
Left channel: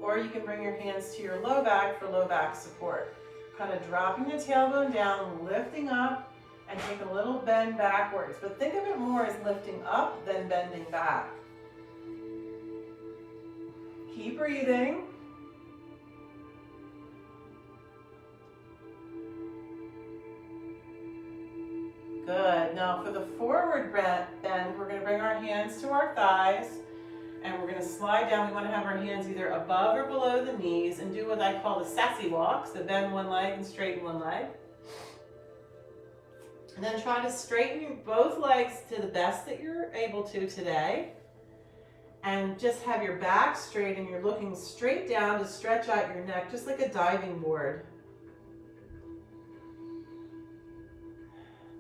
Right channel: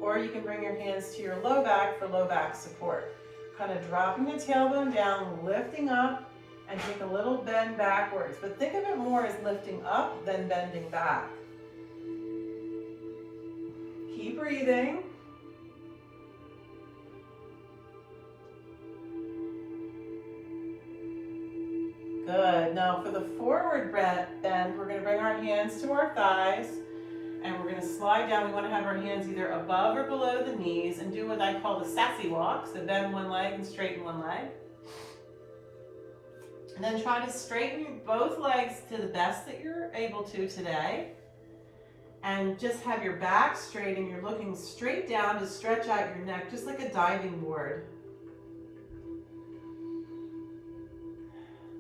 or you can bring your hands to your low back for low back support. Kind of dropping the tailbone down, lifting up, and take a little bend backwards. But think of it more as lifting up than bending back. Keep breathing. Good. Now for the forward bend, we're going to bring our hands to our thighs and we're going to slide down. We want to have our hands either above or below the knees and do what I call the sassy walk. So bend one leg and straighten one leg. And then try to straighten both legs to the best that you're able to today. And just have your back straight and you're looking straight down to stretch out your neck, just like a diving board.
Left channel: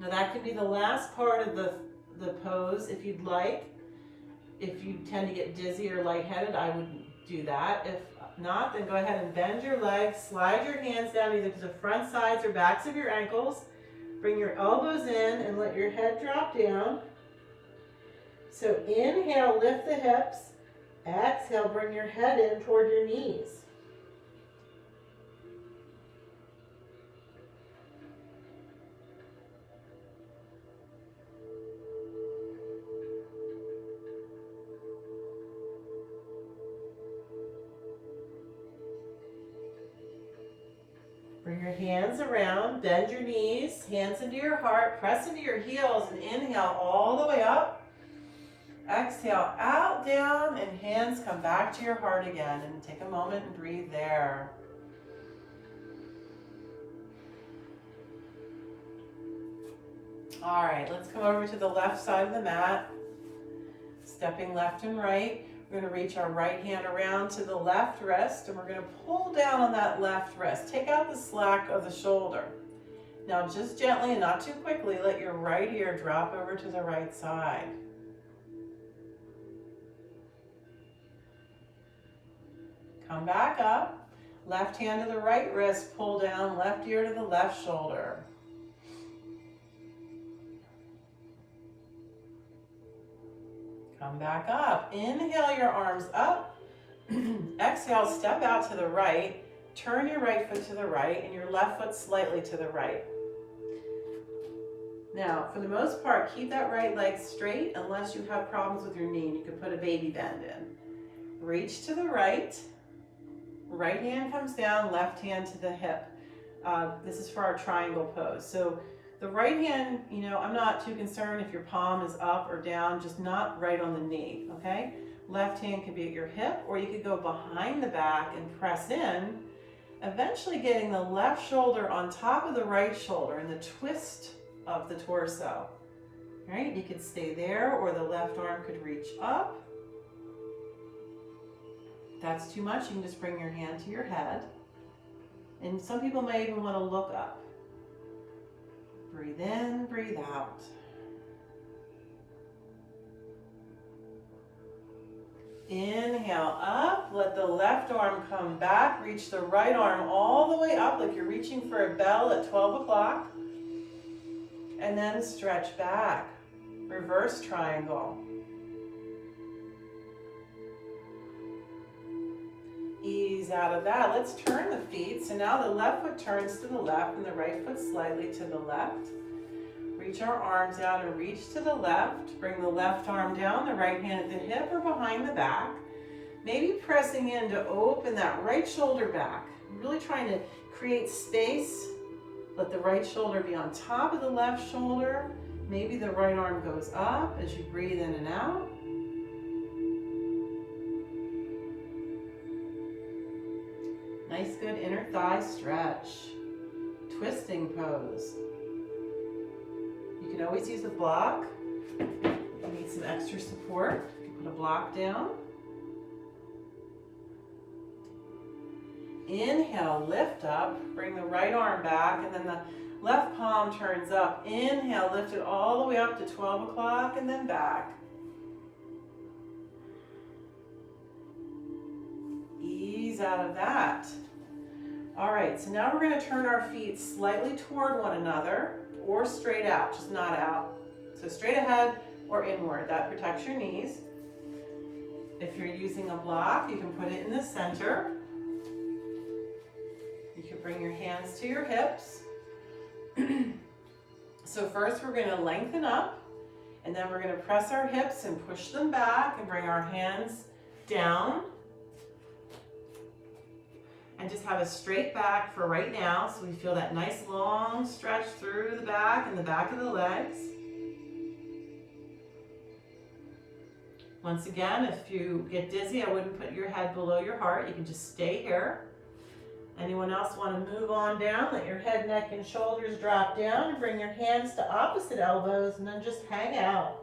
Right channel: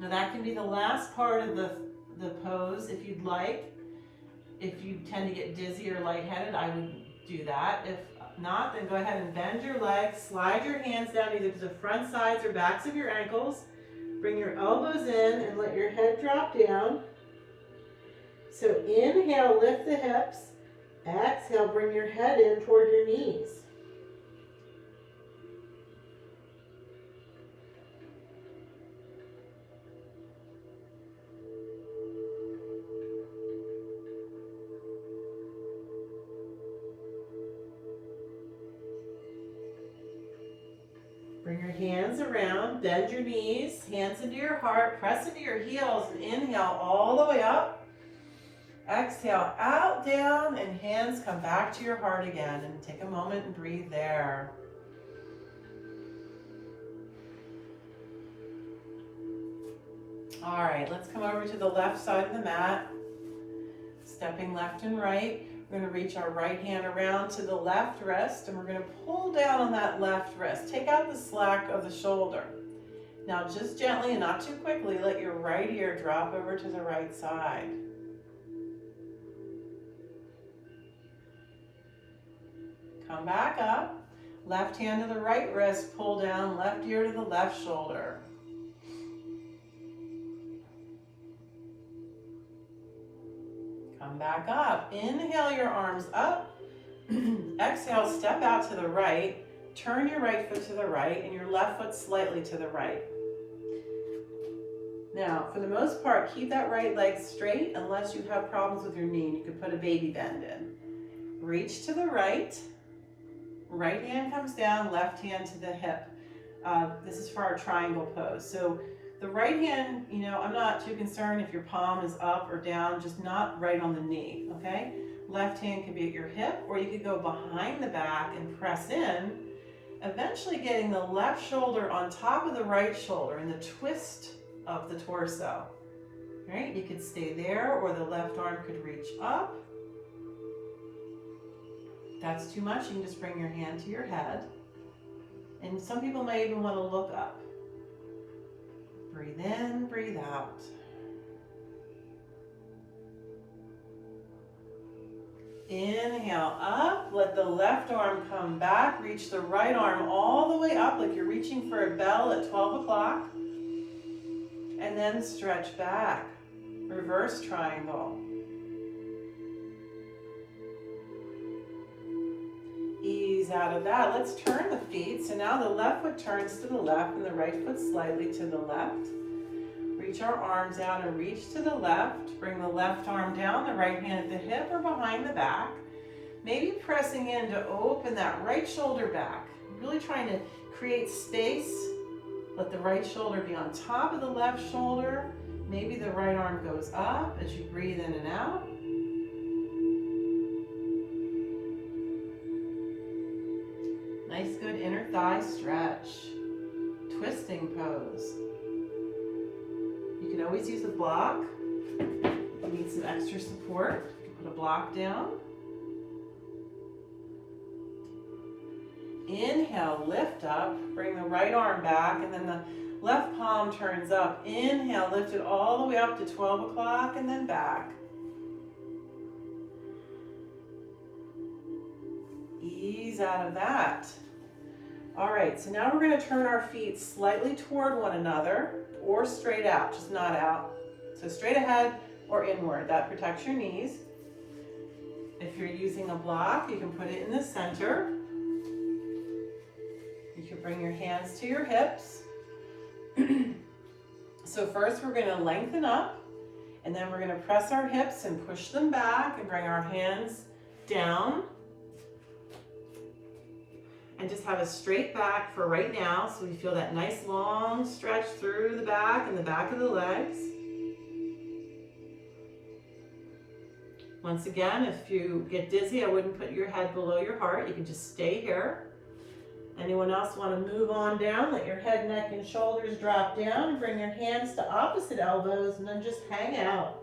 Now that can be the last part of the pose if you'd like. If you tend to get dizzy or lightheaded, I would do that. If not, then go ahead and bend your legs, slide your hands down either to the front sides or backs of your ankles. Bring your elbows in and let your head drop down. So inhale, lift the hips. Exhale, bring your head in toward your knees. Bring your hands around, bend your knees, hands into your heart, press into your heels, and inhale all the way up. Exhale out, down, and hands come back to your heart again. And take a moment and breathe there. All right, let's come over to the left side of the mat. Stepping left and right. We're going to reach our right hand around to the left wrist and we're going to pull down on that left wrist. Take out the slack of the shoulder. Now just gently and not too quickly, let your right ear drop over to the right side. Come back up. Left hand to the right wrist, pull down, left ear to the left shoulder. Come back up. Inhale your arms up. Exhale, step out to the right. Turn your right foot to the right and your left foot slightly to the right. Now, for the most part, keep that right leg straight unless you have problems with your knee and you can put a baby bend in. Reach to the right. Right hand comes down, left hand to the hip. This is for our triangle pose. So The right hand, you know, I'm not too concerned if your palm is up or down, just not right on the knee, okay? Left hand can be at your hip, or you could go behind the back and press in, eventually getting the left shoulder on top of the right shoulder in the twist of the torso. All right, you could stay there, or the left arm could reach up. If that's too much, you can just bring your hand to your head. And some people may even want to look up. Breathe in, breathe out. Inhale up, let the left arm come back, reach the right arm all the way up like you're reaching for a bell at 12 o'clock. And then stretch back, reverse triangle. Ease out of that. Let's turn the feet. So now the left foot turns to the left and the right foot slightly to the left. Reach our arms out and reach to the left. Bring the left arm down, the right hand at the hip or behind the back. Maybe pressing in to open that right shoulder back. Really trying to create space. Let the right shoulder be on top of the left shoulder. Maybe the right arm goes up as you breathe in and out. Nice, good inner thigh stretch. Twisting pose. You can always use a block. If you need some extra support, you can put a block down. Inhale, lift up, bring the right arm back, and then the left palm turns up. Inhale, lift it all the way up to 12 o'clock and then back. Ease out of that. All right, so now we're going to turn our feet slightly toward one another or straight out, just not out. So straight ahead or inward. That protects your knees. If you're using a block, you can put it in the center. You can bring your hands to your hips. So first we're going to lengthen up, and then we're going to press our hips and push them back and bring our hands down. And just have a straight back for right now, so we feel that nice long stretch through the back and the back of the legs. Once again, if you get dizzy, I wouldn't put your head below your heart. You can just stay here. Anyone else want to move on down? Let your head, neck, and shoulders drop down and bring your hands to opposite elbows and then just hang out.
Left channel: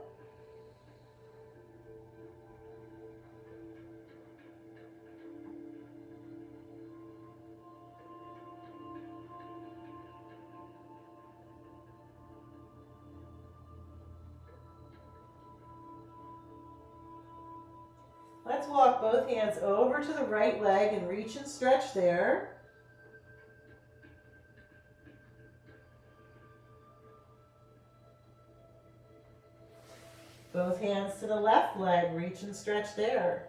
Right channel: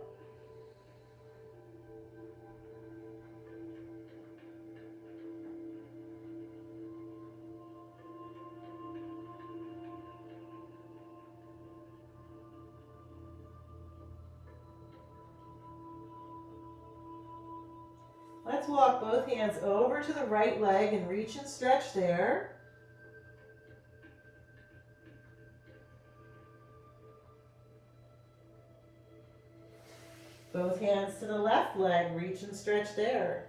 Let's walk both hands over to the right leg and reach and stretch there. Both hands to the left leg, reach and stretch there.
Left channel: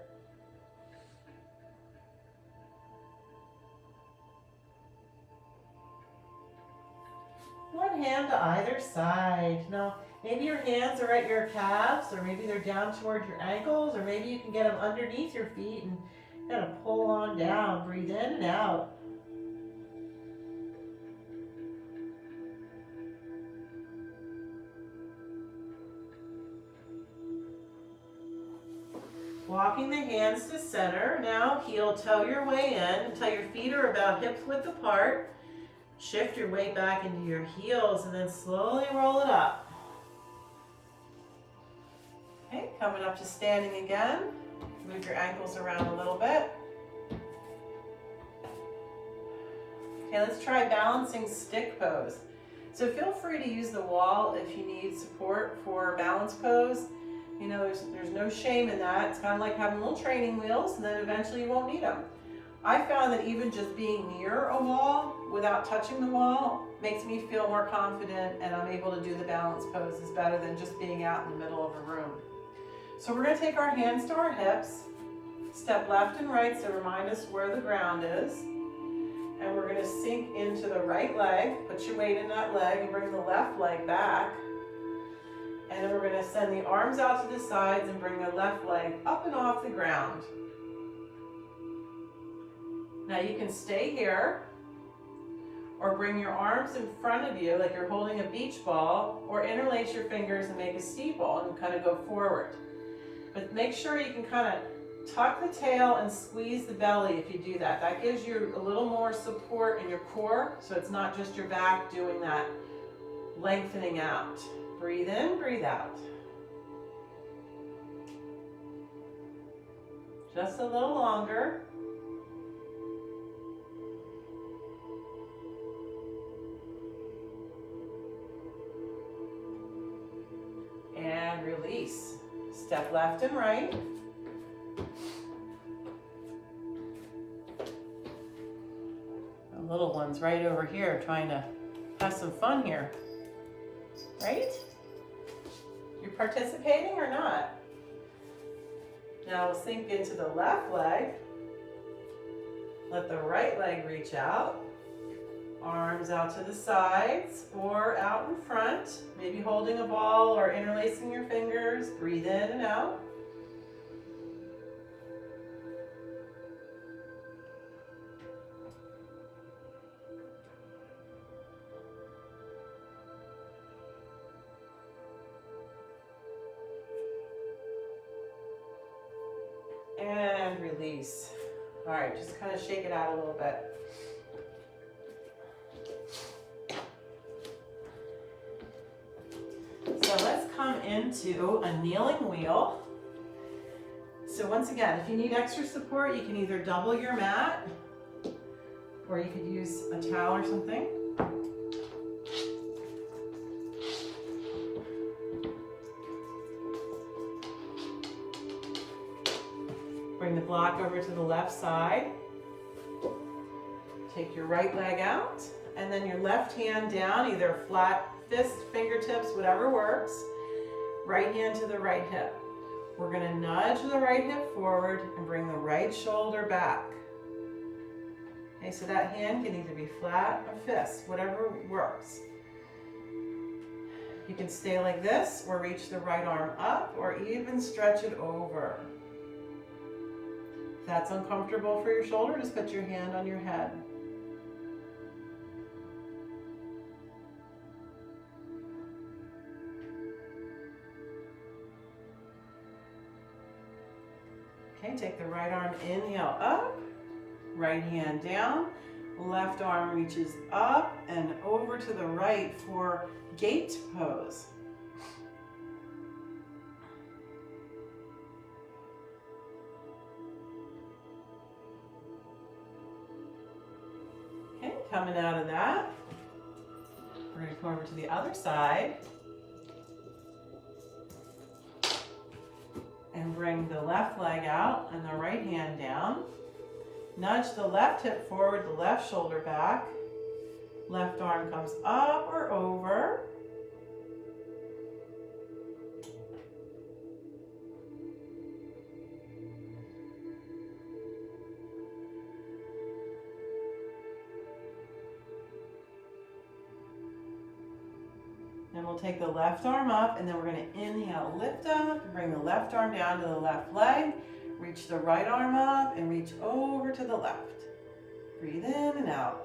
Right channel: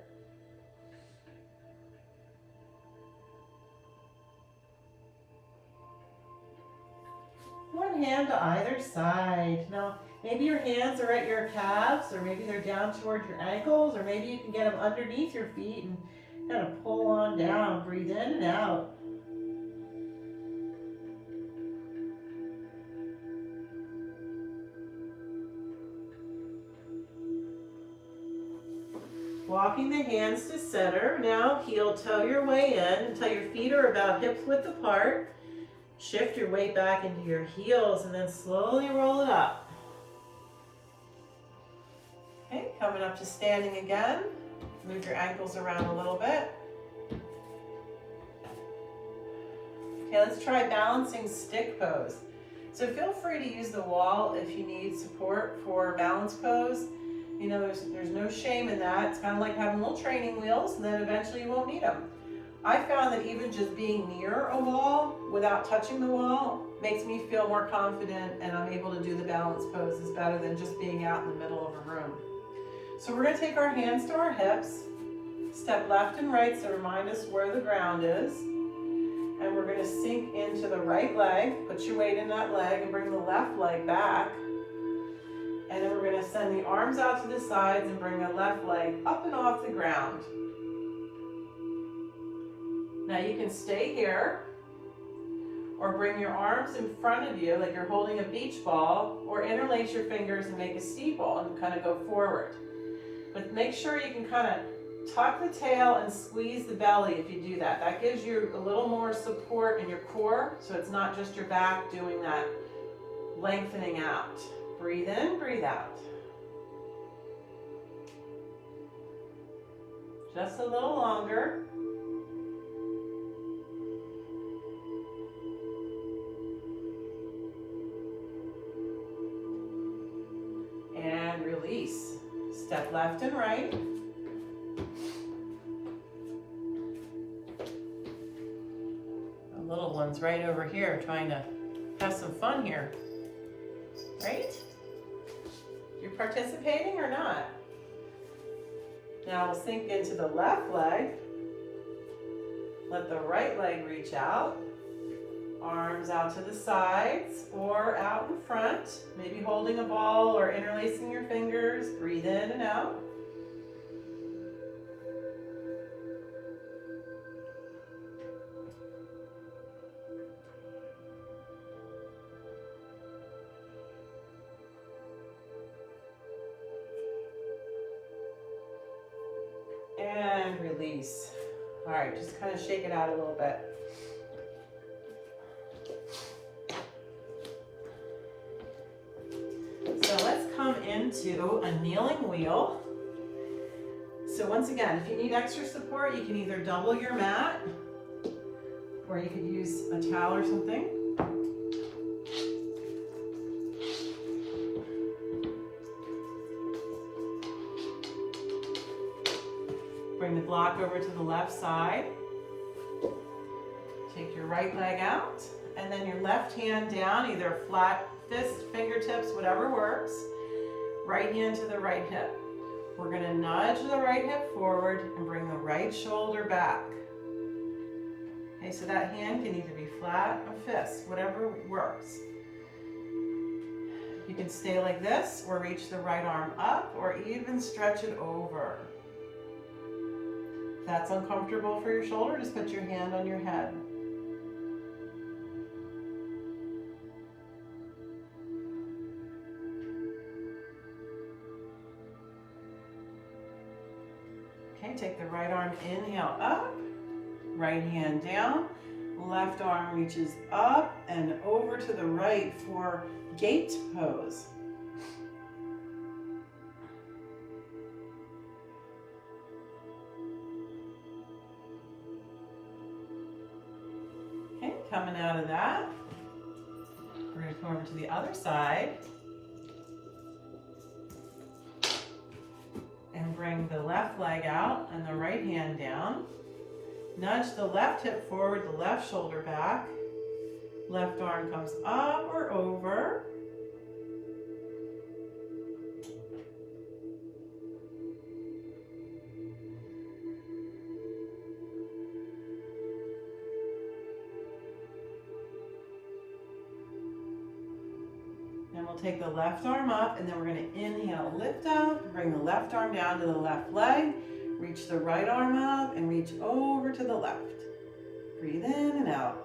One hand to either side. Now, maybe your hands are at your calves, or maybe they're down towards your ankles, or maybe you can get them underneath your feet and kind of pull on down. Breathe in and out. Walking the hands to center. Now heel toe your way in until your feet are about hip width apart. Shift your weight back into your heels and then slowly roll it up. Okay, coming up to standing again. Move your ankles around a little bit. Okay, let's try balancing stick pose. So feel free to use the wall if you need support for balance pose. You know, there's no shame in that. It's kind of like having little training wheels, and then eventually you won't need them. I found that even just being near a wall without touching the wall makes me feel more confident, and I'm able to do the balance poses better than just being out in the middle of a room. So we're going to take our hands to our hips, step left and right, so remind us where the ground is. And we're going to sink into the right leg, put your weight in that leg, and bring the left leg back. And then we're going to send the arms out to the sides and bring the left leg up and off the ground. Now you can stay here, or bring your arms in front of you like you're holding a beach ball, or interlace your fingers and make a steeple and kind of go forward. But make sure you can kind of tuck the tail and squeeze the belly if you do that. That gives you a little more support in your core, so it's not just your back doing that lengthening out. Breathe in, breathe out. Just a little longer. And release. Step left and right. The little one's right over here trying to have some fun here. Right? You're participating or not? Now we'll sink into the left leg. Let the right leg reach out. Arms out to the sides or out in front. Maybe holding a ball or interlacing your fingers. Breathe in and out. And release. All right, just kind of shake it out a little bit. So let's come into a kneeling wheel. So once again, if you need extra support, you can either double your mat, or you could use a towel or something. Bring the block over to the left side. Take your right leg out, and then your left hand down, either flat fist, fingertips, whatever works. Right hand to the right hip. We're gonna nudge the right hip forward and bring the right shoulder back. Okay, so that hand can either be flat or fist, whatever works. You can stay like this, or reach the right arm up, or even stretch it over. If that's uncomfortable for your shoulder, just put your hand on your head. Okay, take the right arm, inhale up, right hand down, left arm reaches up and over to the right for gate pose. Okay, coming out of that, we're going to come over to the other side and bring the left leg out and the right hand down. Nudge the left hip forward, the left shoulder back. Left arm comes up or over. Then we'll take the left arm up, and then we're going to inhale, lift up, bring the left arm down to the left leg, reach the right arm up, and reach over to the left. Breathe in and out.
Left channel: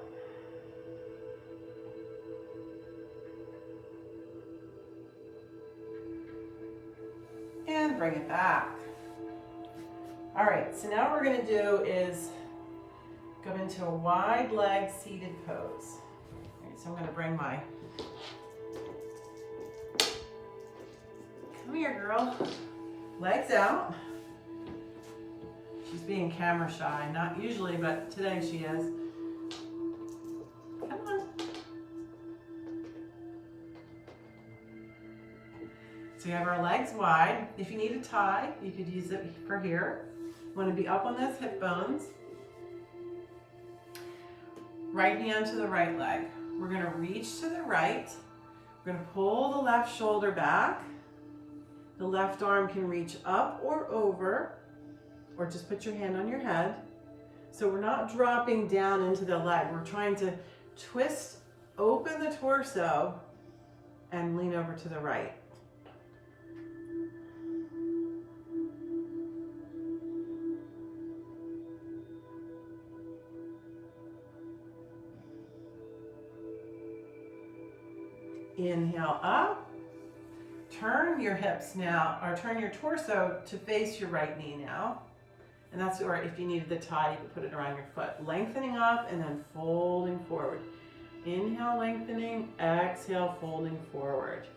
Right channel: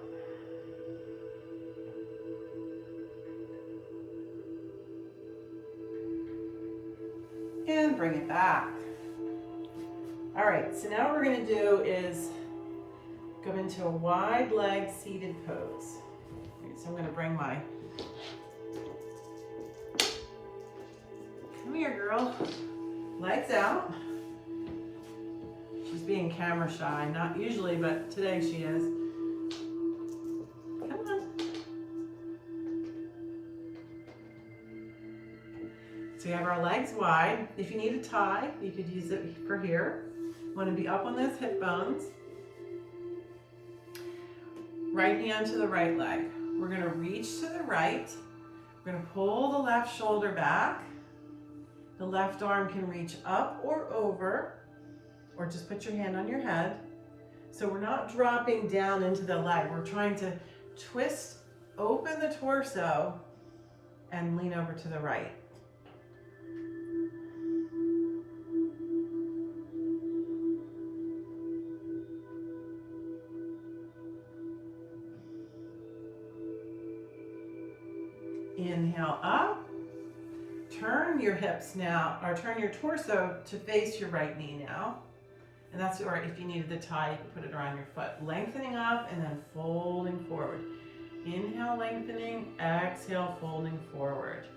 And bring it back. All right, so now what we're going to do is go into a wide leg seated pose. All right, so I'm going to bring my, come here girl, legs out. She's being camera shy, not usually, but today she is. Come on. So we have our legs wide. If you need a tie, you could use it for here. You want to be up on those hip bones. Right hand to the right leg. We're going to reach to the right. We're going to pull the left shoulder back. The left arm can reach up or over, or just put your hand on your head. So we're not dropping down into the leg. We're trying to twist, open the torso, and lean over to the right. Inhale up. Turn your hips now, or turn your torso to face your right knee now. And that's, or if you needed the tie, you can put it around your foot. Lengthening up and then folding forward. Inhale, lengthening. Exhale, folding forward.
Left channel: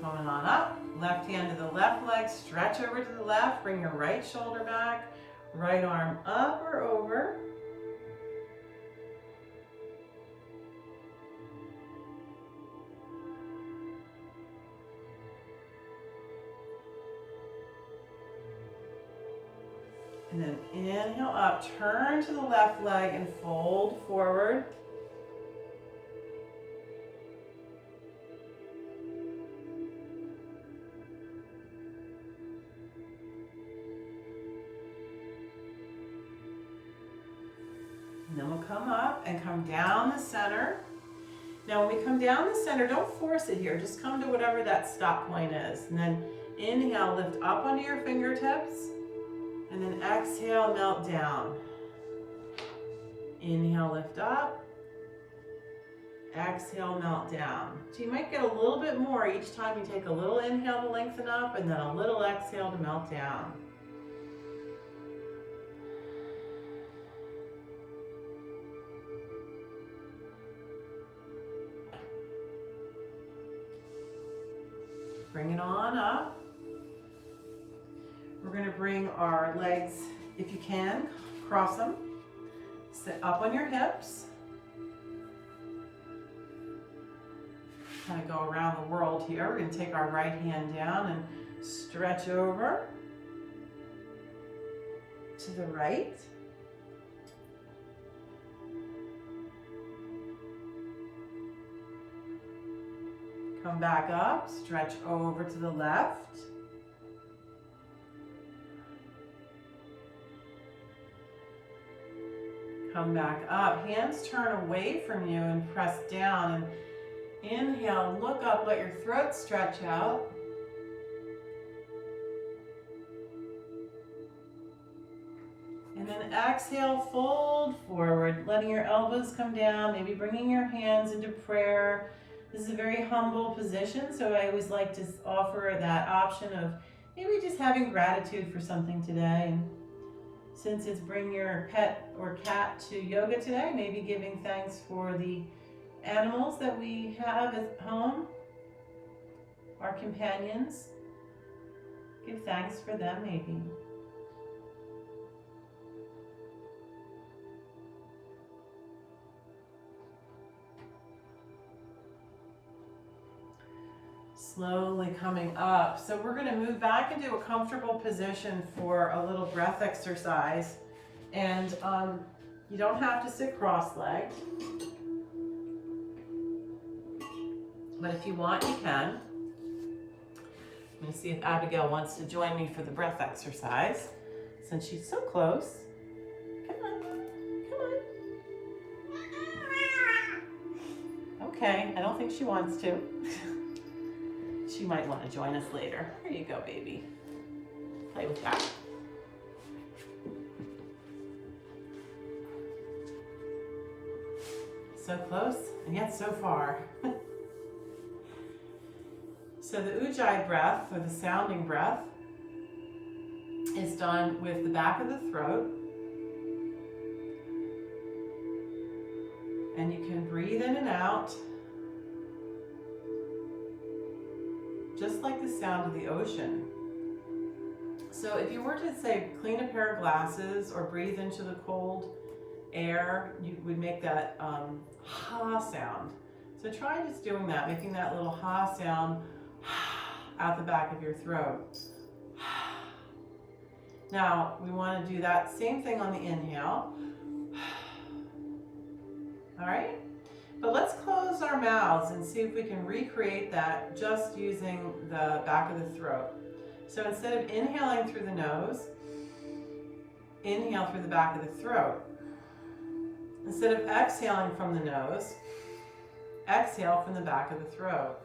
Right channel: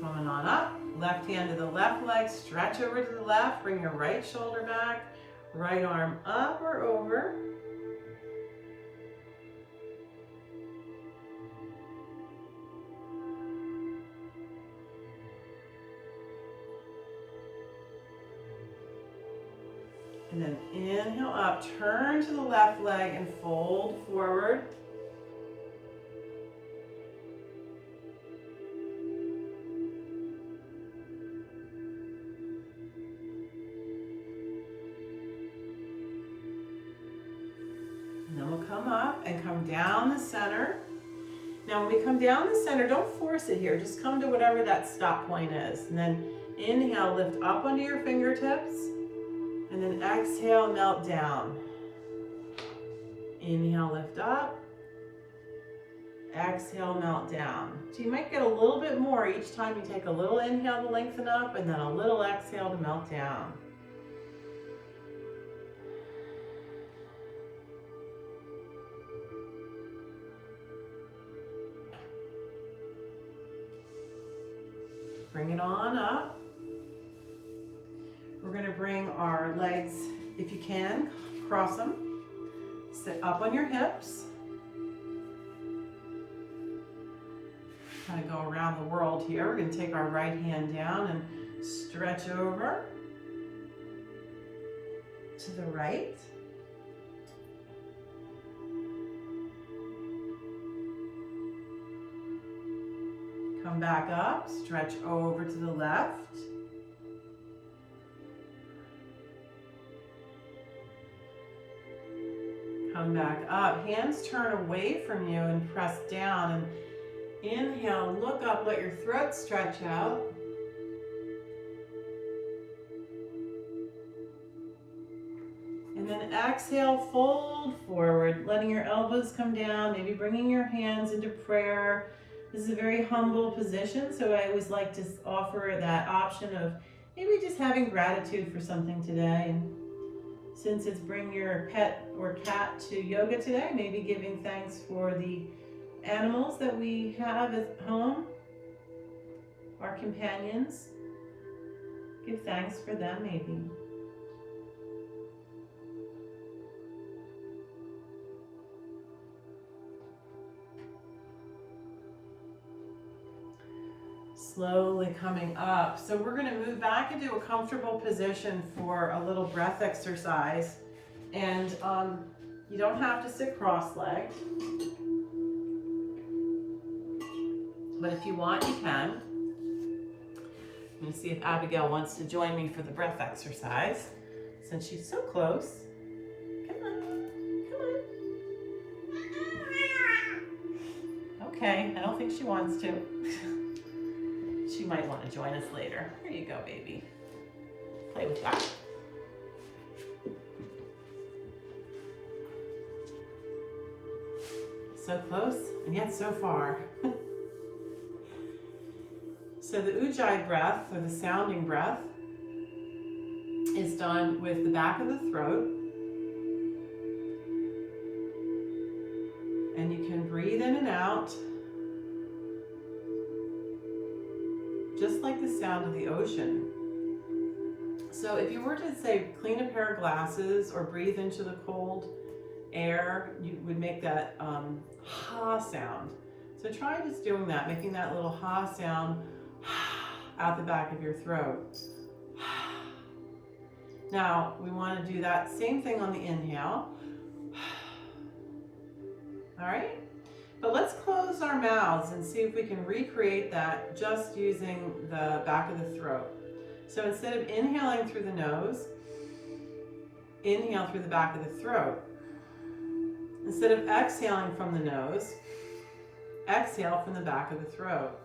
Coming on up. Left hand to the left leg, stretch over to the left, bring your right shoulder back, right arm up or over. And then inhale up, turn to the left leg and fold forward. And then we'll come up and come down the center. Now when we come down the center, don't force it here. Just come to whatever that stop point is. And then inhale, lift up onto your fingertips. And then exhale, melt down. Inhale, lift up. Exhale, melt down. So you might get a little bit more each time you take a little inhale to lengthen up and then a little exhale to melt down. Bring it on up. We're going to bring our legs, if you can, cross them. Sit up on your hips. Kind of go around the world here. We're going to take our right hand down and stretch over to the right. Come back up, stretch over to the left. Come back up, hands turn away from you and press down, and inhale, look up, let your throat stretch out. And then exhale, fold forward, letting your elbows come down, maybe bringing your hands into prayer. This is a very humble position, so I always like to offer that option of maybe just having gratitude for something today. And since it's bring your pet or cat to yoga today, maybe giving thanks for the animals that we have at home, our companions. Give thanks for them maybe. Slowly coming up. So we're going to move back into a comfortable position for a little breath exercise. And you don't have to sit cross-legged. But if you want, you can. I'm going to see if Abigail wants to join me for the breath exercise, since she's so close. Come on, come on. Okay, I don't think she wants to. She might want to join us later. Here you go, baby. Play with that. So close, and yet so far. So the Ujjayi breath, or the sounding breath, is done with the back of the throat. And you can breathe in and out, just like the sound of the ocean. So if you were to say clean a pair of glasses or breathe into the cold air, you would make that ha sound. So try just doing that, making that little ha sound out the back of your throat. Now we want to do that same thing on the inhale. All right? But let's close our mouths and see if we can recreate that just using the back of the throat. So instead of inhaling through the nose, inhale through the back of the throat. Instead of exhaling from the nose, exhale from the back of the throat.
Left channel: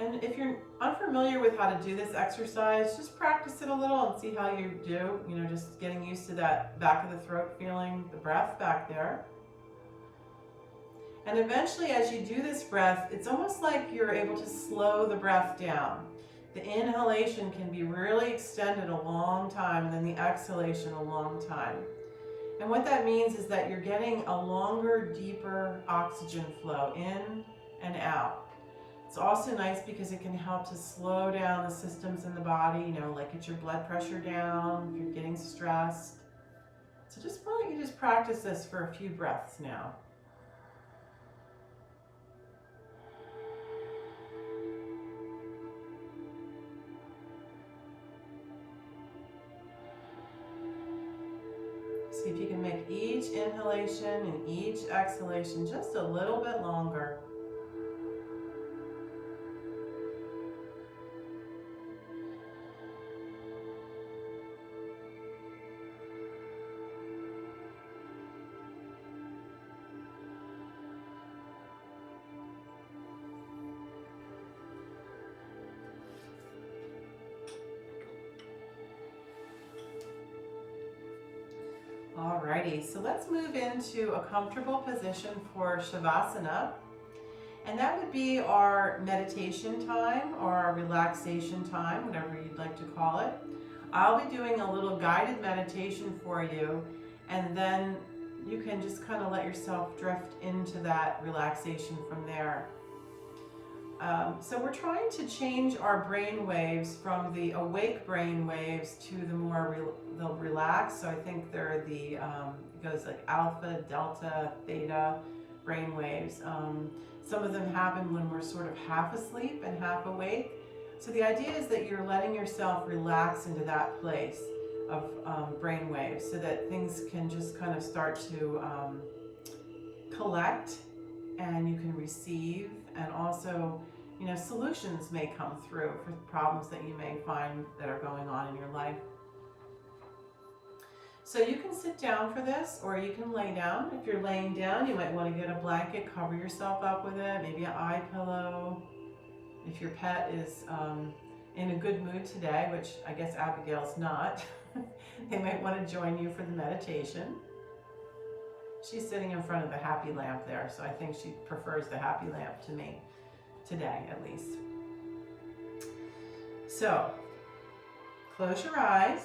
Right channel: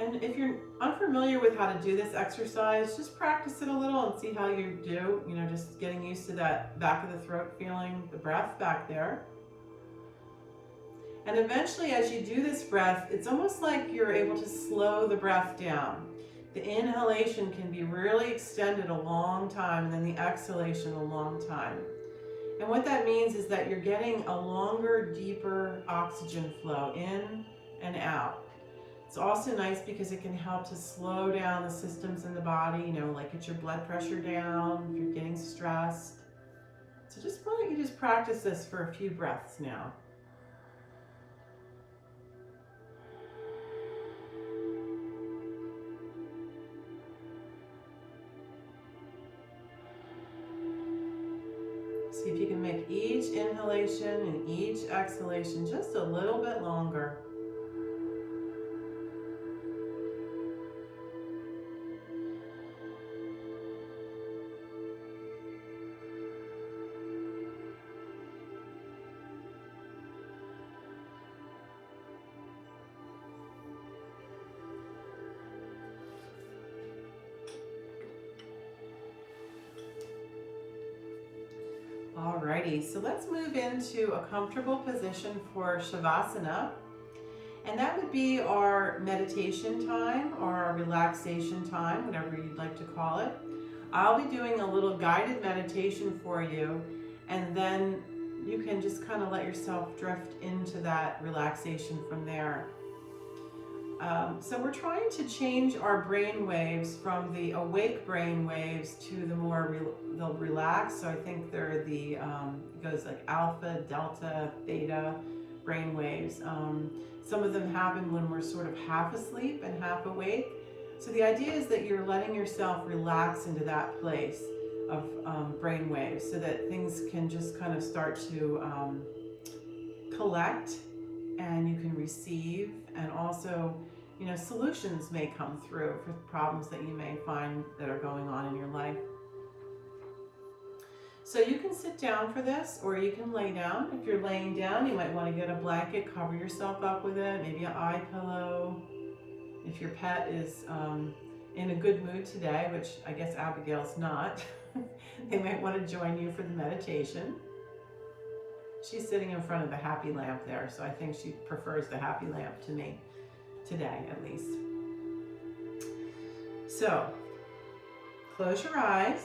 And if you're unfamiliar with how to do this exercise, just practice it a little and see how you do. You know, just getting used to that back of the throat feeling, the breath back there. And eventually, as you do this breath, it's almost like you're able to slow the breath down. The inhalation can be really extended a long time, and then the exhalation a long time. And what that means is that you're getting a longer, deeper oxygen flow in and out. It's also nice because it can help to slow down the systems in the body, you know, like get your blood pressure down if you're getting stressed. So why don't you just practice this for a few breaths now. See if you can make each inhalation and each exhalation just a little bit longer. Alrighty, so let's move into a comfortable position for Shavasana. And that would be our meditation time or our relaxation time, whatever you'd like to call it. I'll be doing a little guided meditation for you, and then you can just kind of let yourself drift into that relaxation from there. So we're trying to change our brain waves from the awake brain waves to the more relaxed. So I think they're it goes like alpha, delta, theta brain waves. Some of them happen when we're sort of half asleep and half awake. So the idea is that you're letting yourself relax into that place of brain waves so that things can just kind of start to collect, and you can receive, and also, you know, solutions may come through for problems that you may find that are going on in your life. So you can sit down for this, or you can lay down. If you're laying down, you might want to get a blanket, cover yourself up with it, maybe an eye pillow. If your pet is in a good mood today, which I guess Abigail's not, they might want to join you for the meditation. She's sitting in front of the happy lamp there, so I think she prefers the happy lamp to me, today at least. So, close your eyes,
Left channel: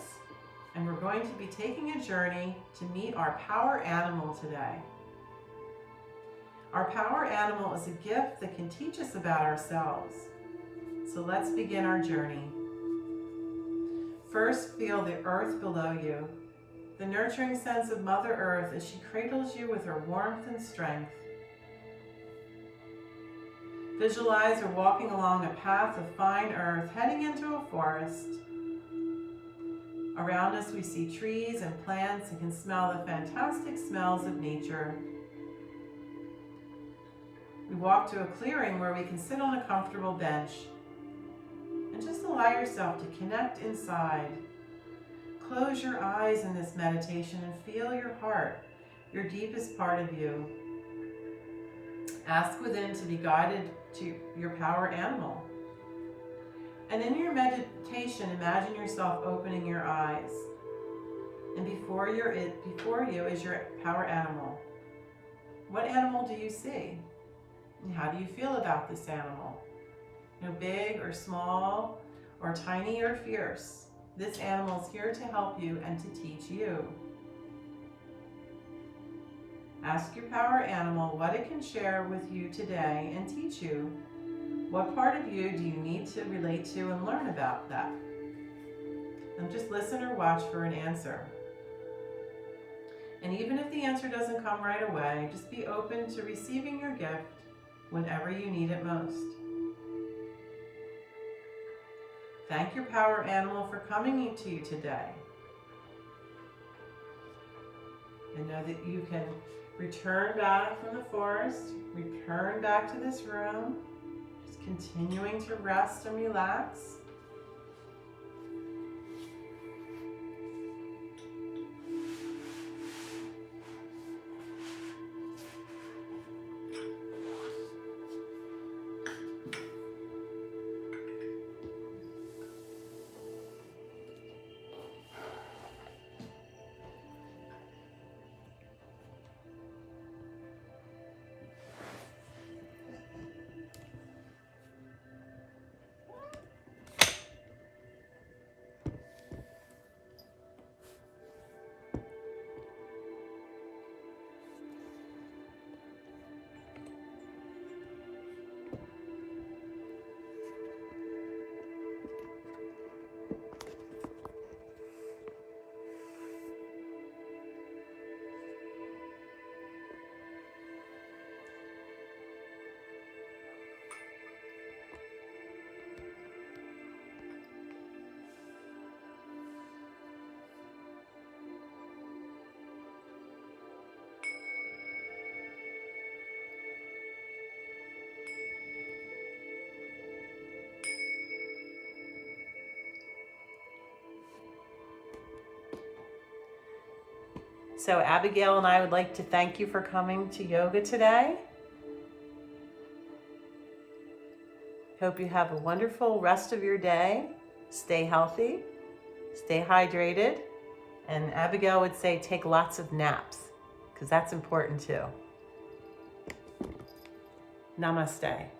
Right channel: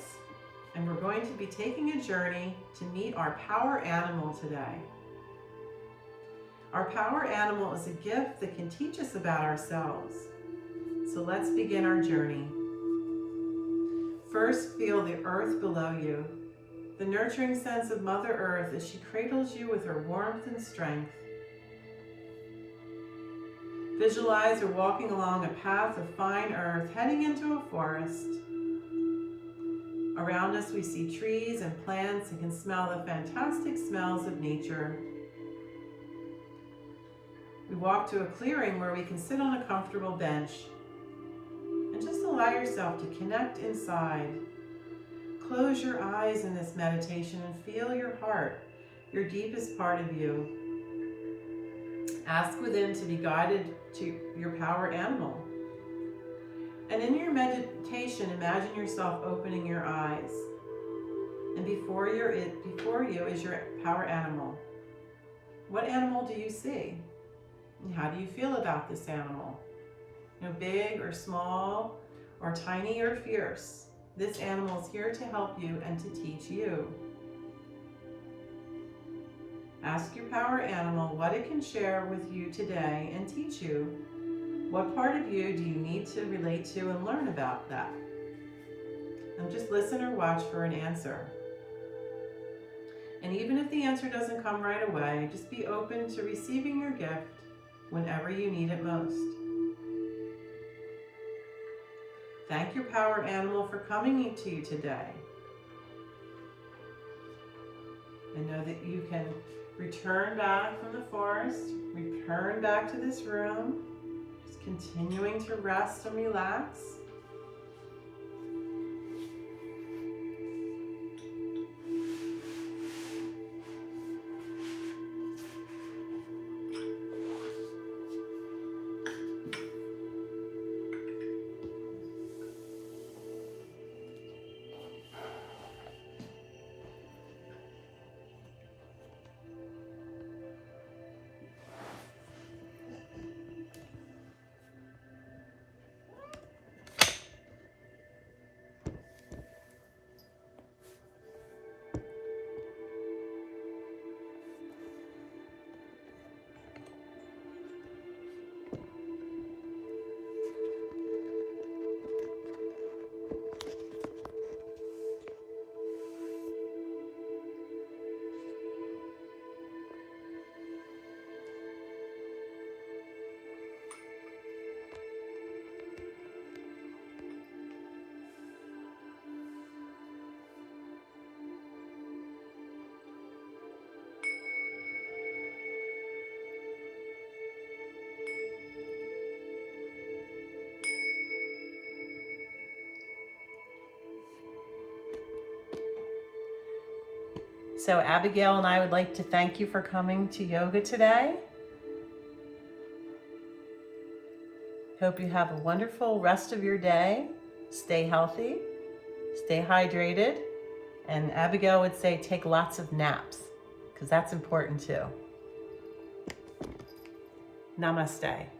and we're going to be taking a journey to meet our power animal today. Our power animal is a gift that can teach us about ourselves. So let's begin our journey. First, feel the earth below you, the nurturing sense of Mother Earth as she cradles you with her warmth and strength. Visualize her walking along a path of fine earth heading into a forest. Around us we see trees and plants and can smell the fantastic smells of nature. We walk to a clearing where we can sit on a comfortable bench and just allow yourself to connect inside. Close your eyes in this meditation and feel your heart, your deepest part of you. Ask within to be guided to your power animal. And in your meditation, imagine yourself opening your eyes. And before you is your power animal. What animal do you see? And how do you feel about this animal? You know, big or small, or tiny or fierce. This animal is here to help you and to teach you. Ask your power animal what it can share with you today and teach you. What part of you do you need to relate to and learn about that? And just listen or watch for an answer. And even if the answer doesn't come right away, just be open to receiving your gift whenever you need it most. Thank your power animal for coming to you today. And know that you can return back from the forest, return back to this room, just continuing to rest and relax. So Abigail and I would like to thank you for coming to yoga today. Hope you have a wonderful rest of your day. Stay healthy, stay hydrated, and Abigail would say take lots of naps, because that's important too. Namaste.